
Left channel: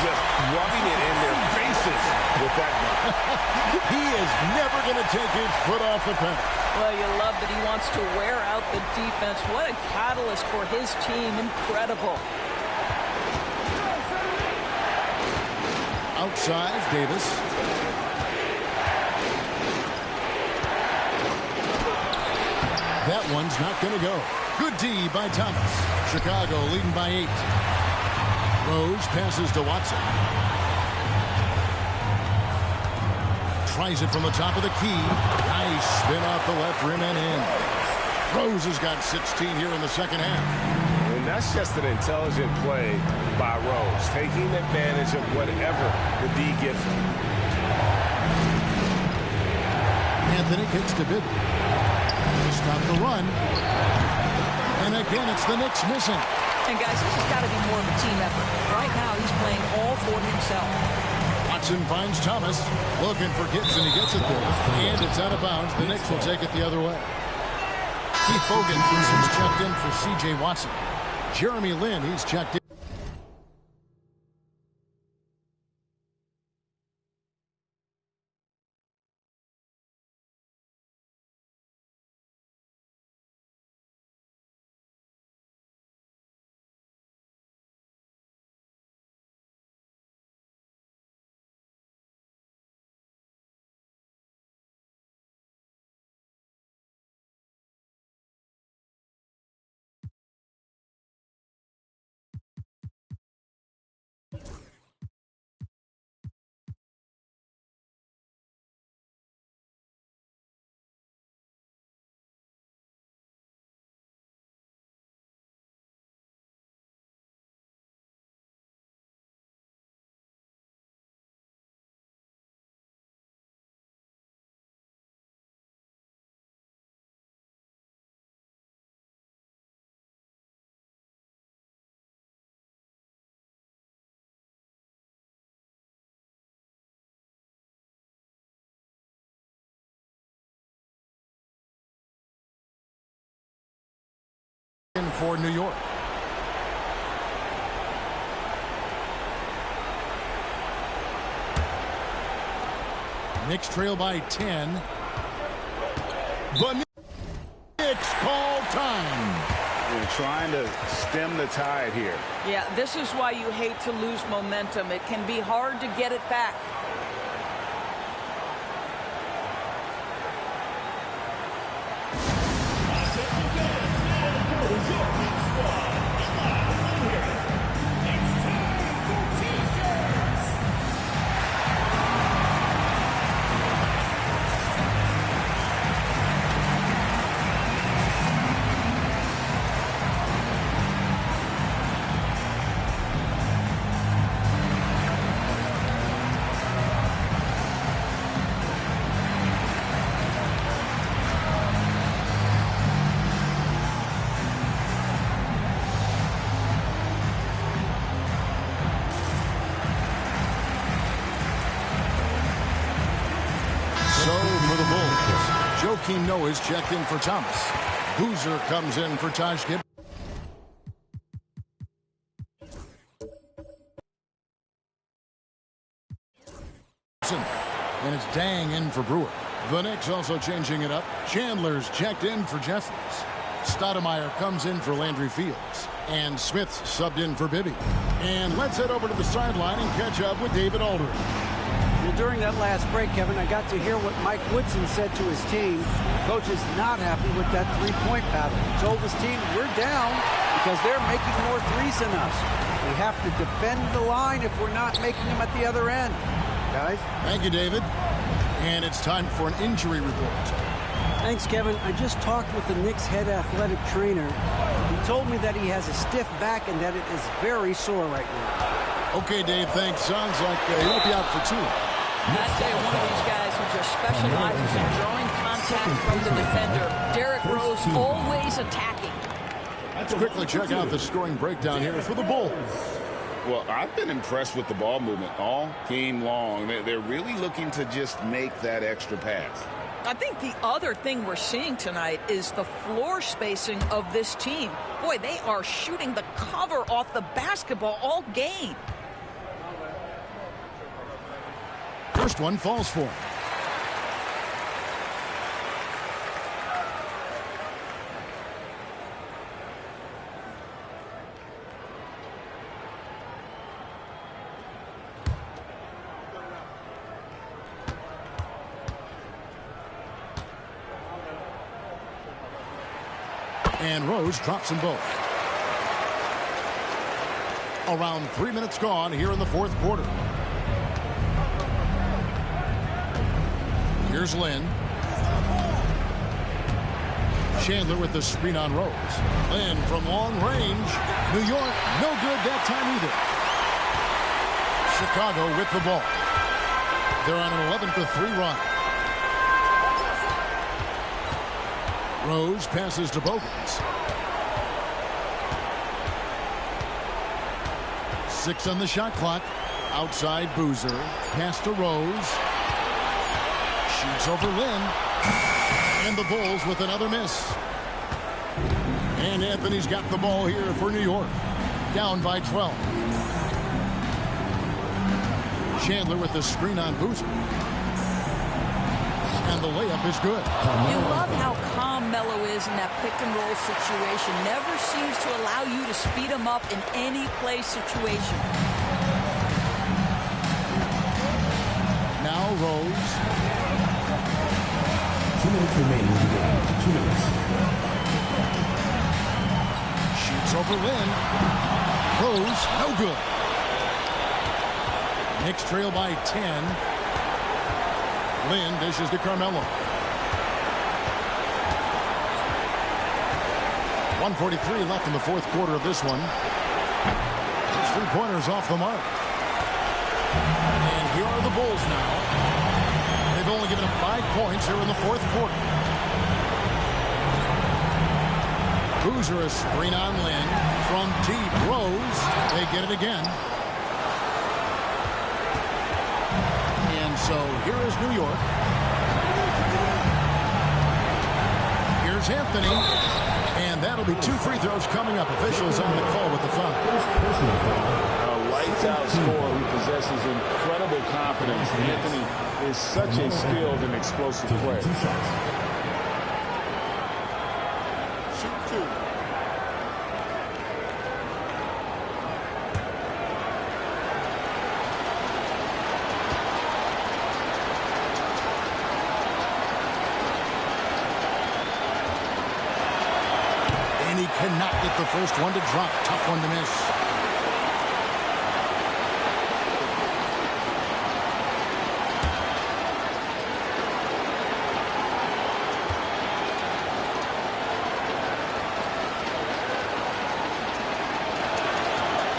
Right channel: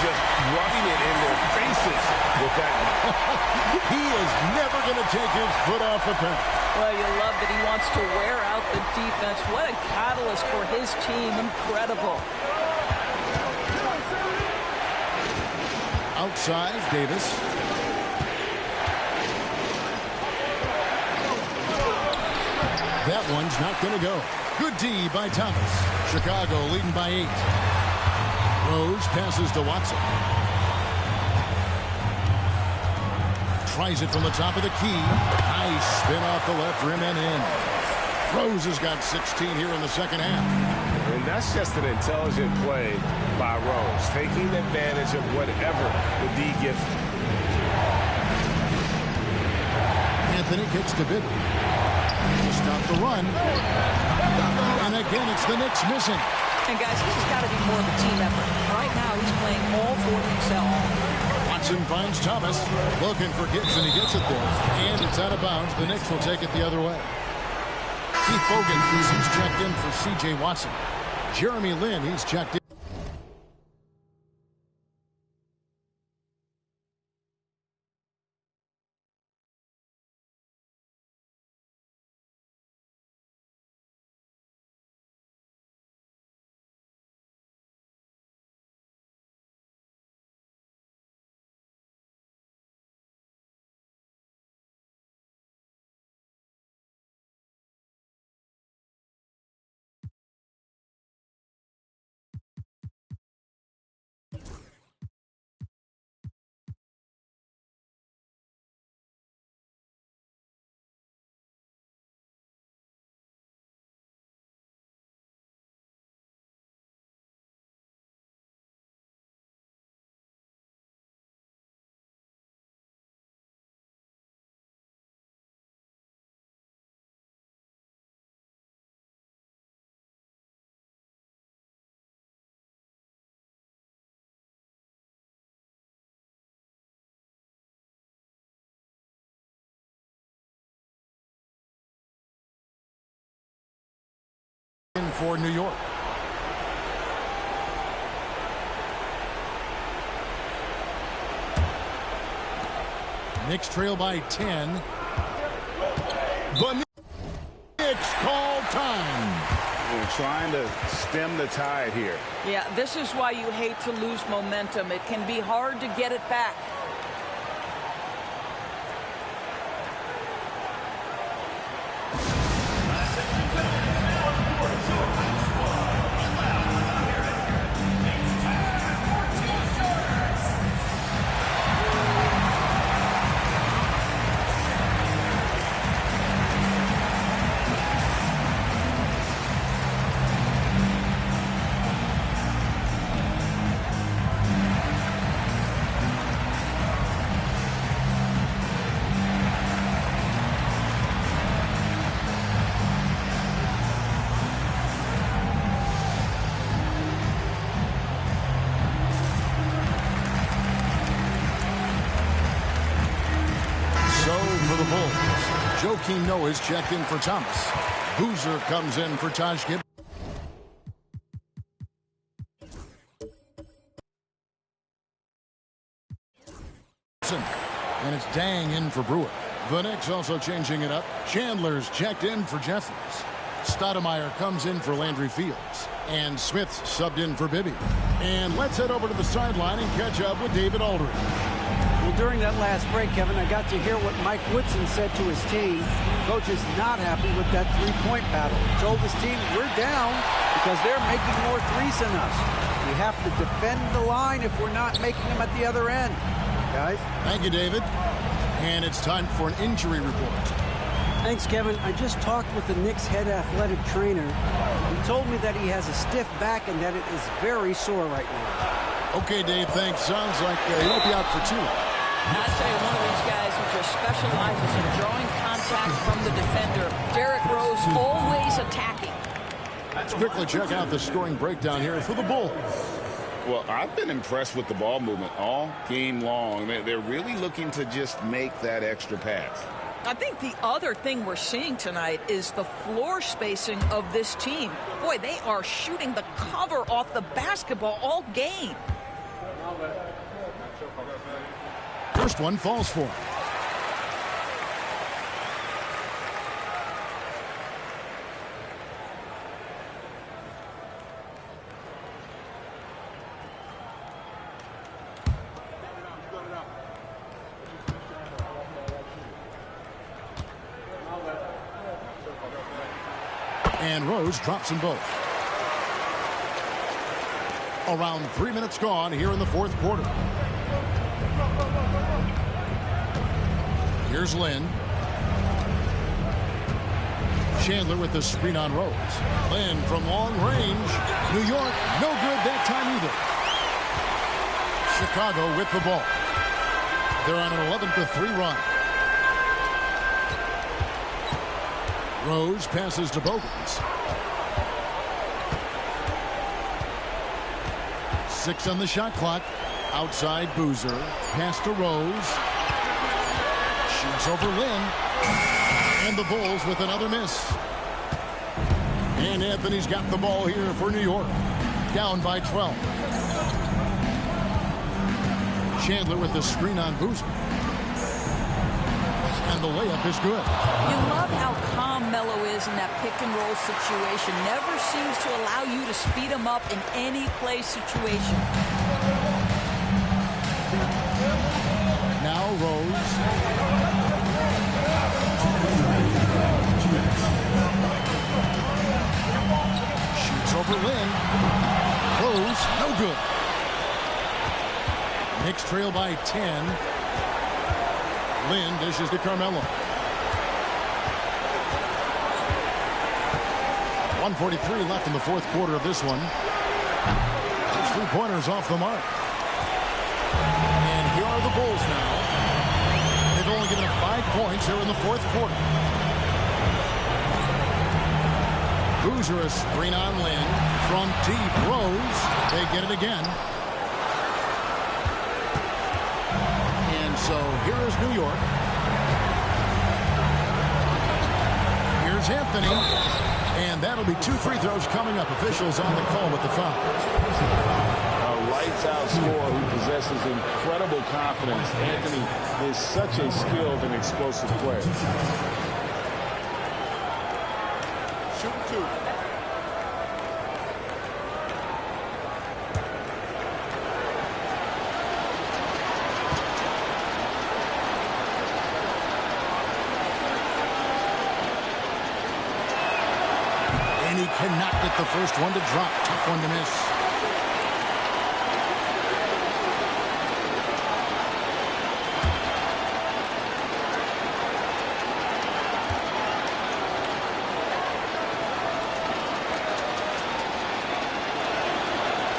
Just rubbing it in their faces with that dunk. He is never going to take his foot off the pedal. Well, you love that he wants to wear out the defense. What a catalyst for his team. Incredible. Outside, Davis. That one's not going to go. Good D by Thomas. Chicago leading by 8. Rose passes to Watson. Tries it from the top of the key. Nice spin off the left rim and in. Rose has got 16 here in the second half. And that's just an intelligent play by Rose, taking advantage of whatever the D gives him. Anthony kicks to Bibby to stop the run. And again, it's the Knicks missing. And guys, this has got to be more of a team effort. Right now, he's playing all for himself. Watson finds Thomas. Looking for Gibson. He gets it there. And it's out of bounds. The Knicks will take it the other way. Keith Fogan, he's checked in for C.J. Watson. Jeremy Lin, he's checked in. in for New York. Knicks trail by 10. The Knicks call time. They're trying to stem the tide here. Yeah, this is why you hate to lose momentum. It can be hard to get it back. So for the Bulls, Joakim Noah's checked in for Thomas. Boozer comes in for Taj Gibson. And it's Dang in for Brewer. The Knicks also changing it up. Chandler's checked in for Jeffries. Stoudemire comes in for Landry Fields. And Smith's subbed in for Bibby. And let's head over to the sideline and catch up with David Aldridge. Well, during that last break, Kevin, I got to hear what Mike Woodson said to his team. Coach is not happy with that three-point battle. He told his team, we're down because they're making more threes than us. We have to defend the line if we're not making them at the other end. Guys? Thank you, David. And it's time for an injury report. Thanks, Kevin. I just talked with the Knicks head athletic trainer. He told me that he has a stiff back and that it is very sore right now. Okay, Dave, thanks. Sounds like he won't be out for too long. I tell you, one of these guys who just specializes in drawing contact from the defender. Derrick Rose always attacking. Let's quickly check out the scoring breakdown here for the Bulls. Well, I've been impressed with the ball movement all game long. They're really looking to just make that extra pass. I think the other thing we're seeing tonight is the floor spacing of this team. Boy, they are shooting the cover off the basketball all game. First one falls for him. And Rose drops them both. Around 3 minutes gone here in the fourth quarter. Here's Lynn. Chandler with the screen on Rose. Lynn from long range. New York, no good that time either. Chicago with the ball. They're on an 11-3 run. Rose passes to Bogans. 6 on the shot clock. Outside Boozer. Pass to Rose. Shoots over Lynn. And the Bulls with another miss. And Anthony's got the ball here for New York. Down by 12. Chandler with the screen on Boozer. And the layup is good. You love how calm Melo is in that pick and roll situation. Never seems to allow you to speed him up in any play situation. Now Rose. 2 minutes remaining. 2 minutes. Shoots over Lynn. Rose, no good. Knicks trail by 10. Lynn dishes to Carmelo. 1:43 left in the fourth quarter of this one. Those three-pointers off the mark. And here are the Bulls now. They've only given up 5 points here in the fourth quarter. Boozer a screen on Lynn. From deep, Rose. They get it again. And so here is New York. Here's Anthony. And that'll be 2 free throws coming up. Officials on the call with the foul. A lights-out scorer who possesses incredible confidence. Anthony is such a skilled and explosive player. Shoot 2. And he cannot get the first one to drop. Tough one to miss.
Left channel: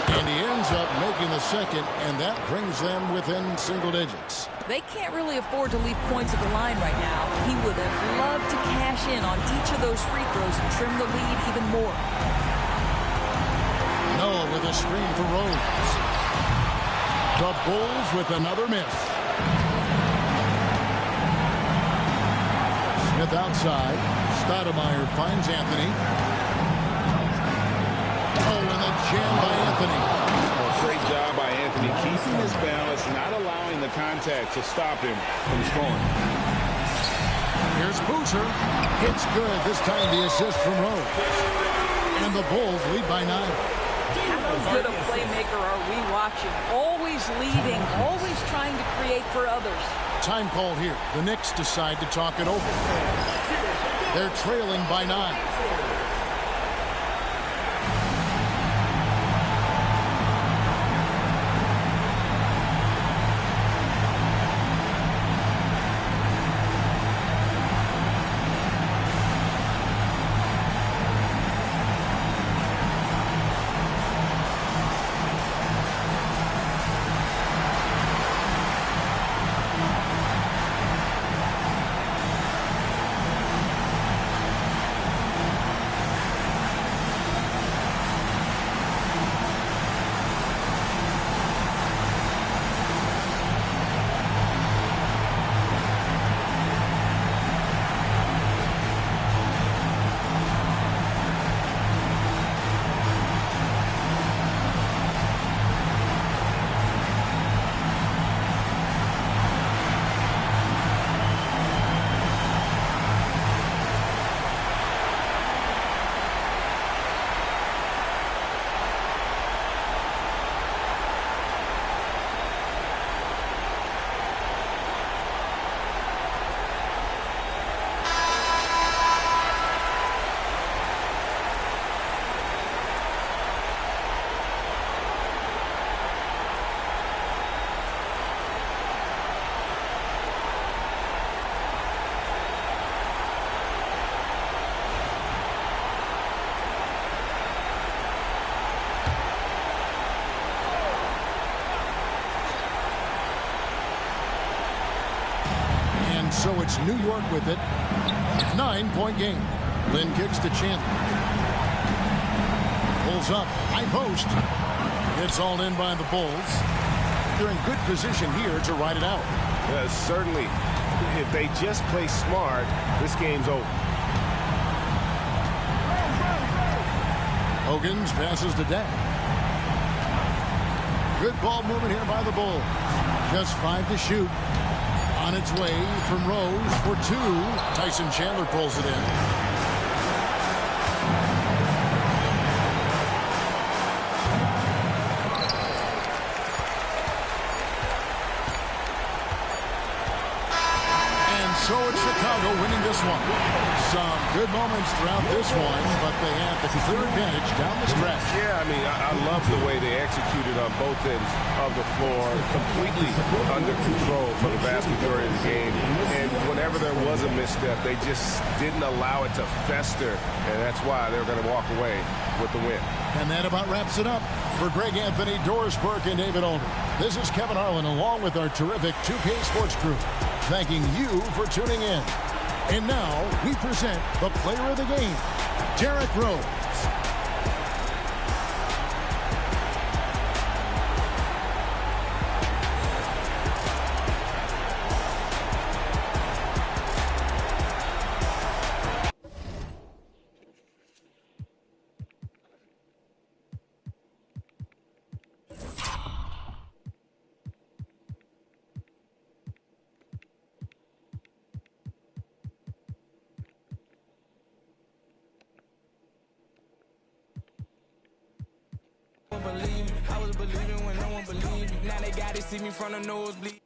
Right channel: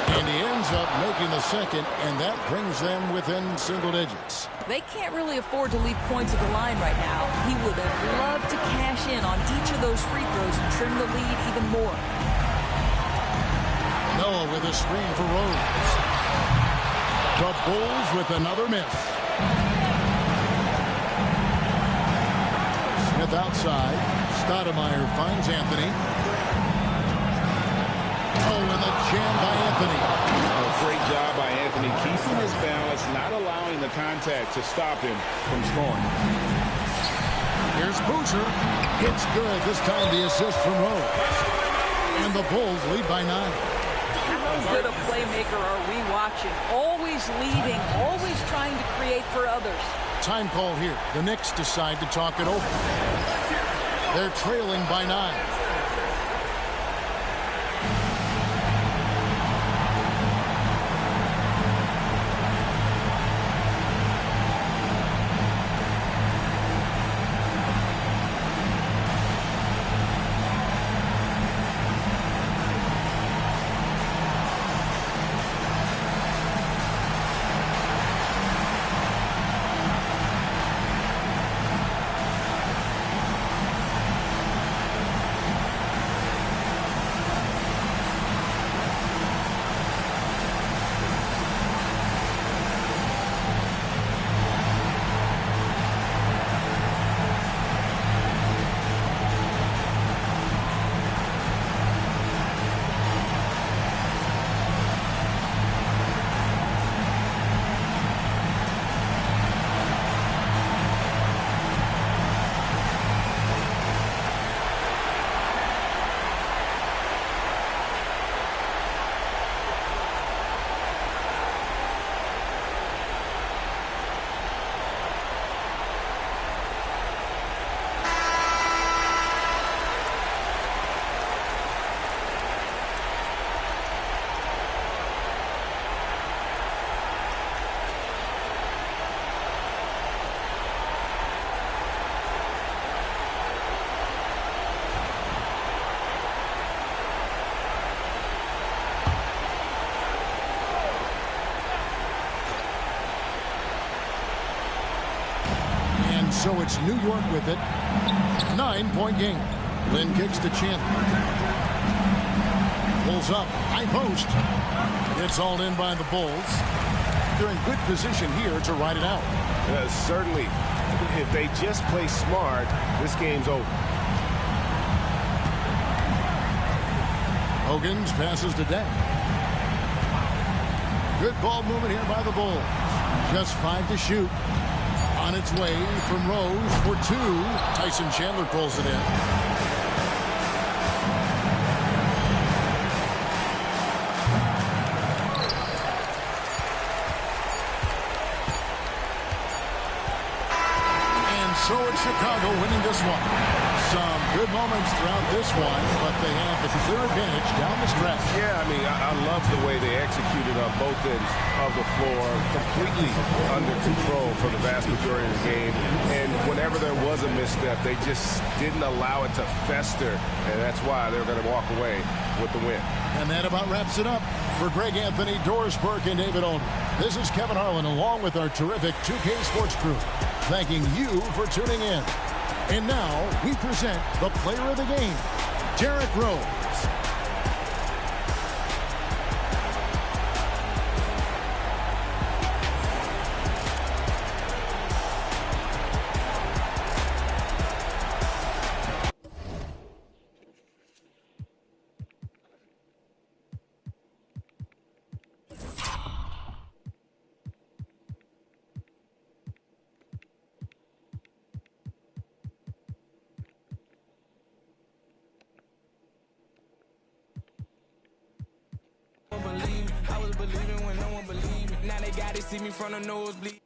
And he ends up making the second, and that brings them within single digits. They can't really afford to leave points at the line right now. He would have loved to cash in on each of those free throws and trim the lead even more. Noah with a screen for Rose. The Bulls with another miss. Smith outside. Stoudemire finds Anthony. Oh, and the jam by Anthony. A great job by Anthony keeping his balance, not allowing the contact to stop him from scoring. Here's Boozer. It's good. This time the assist from Rose. And the Bulls lead by 9. How good a playmaker are we watching? Always leading, always trying to create for others. Time call here. The Knicks decide to talk it over. They're trailing by 9. So it's New York with it. 9-point game. Lynn kicks to Chandler. Pulls up. High post. Gets all in by the Bulls. They're in good position here to ride it out. Certainly, if they just play smart, this game's over. Hogan's passes to Dak. Good ball movement here by the Bulls. Just 5 to shoot. On its way from Rose for 2. Tyson Chandler pulls it in. And so it's Chicago winning this one. Some good moments throughout this one, but they have the clear advantage down the stretch. Yeah, I mean, I love the way they executed on both ends of the floor, completely under control for the vast majority of the game. And whenever there was a misstep, they just didn't allow it to fester, and that's why they're going to walk away with the win. And that about wraps it up. For Greg Anthony, Doris Burke, and David Older, this is Kevin Harlan along with our terrific 2K Sports crew, thanking you for tuning in. And now we present the player of the game, Derrick Rose. I was believing when no one believed me. Now they got to see me from the nosebleed.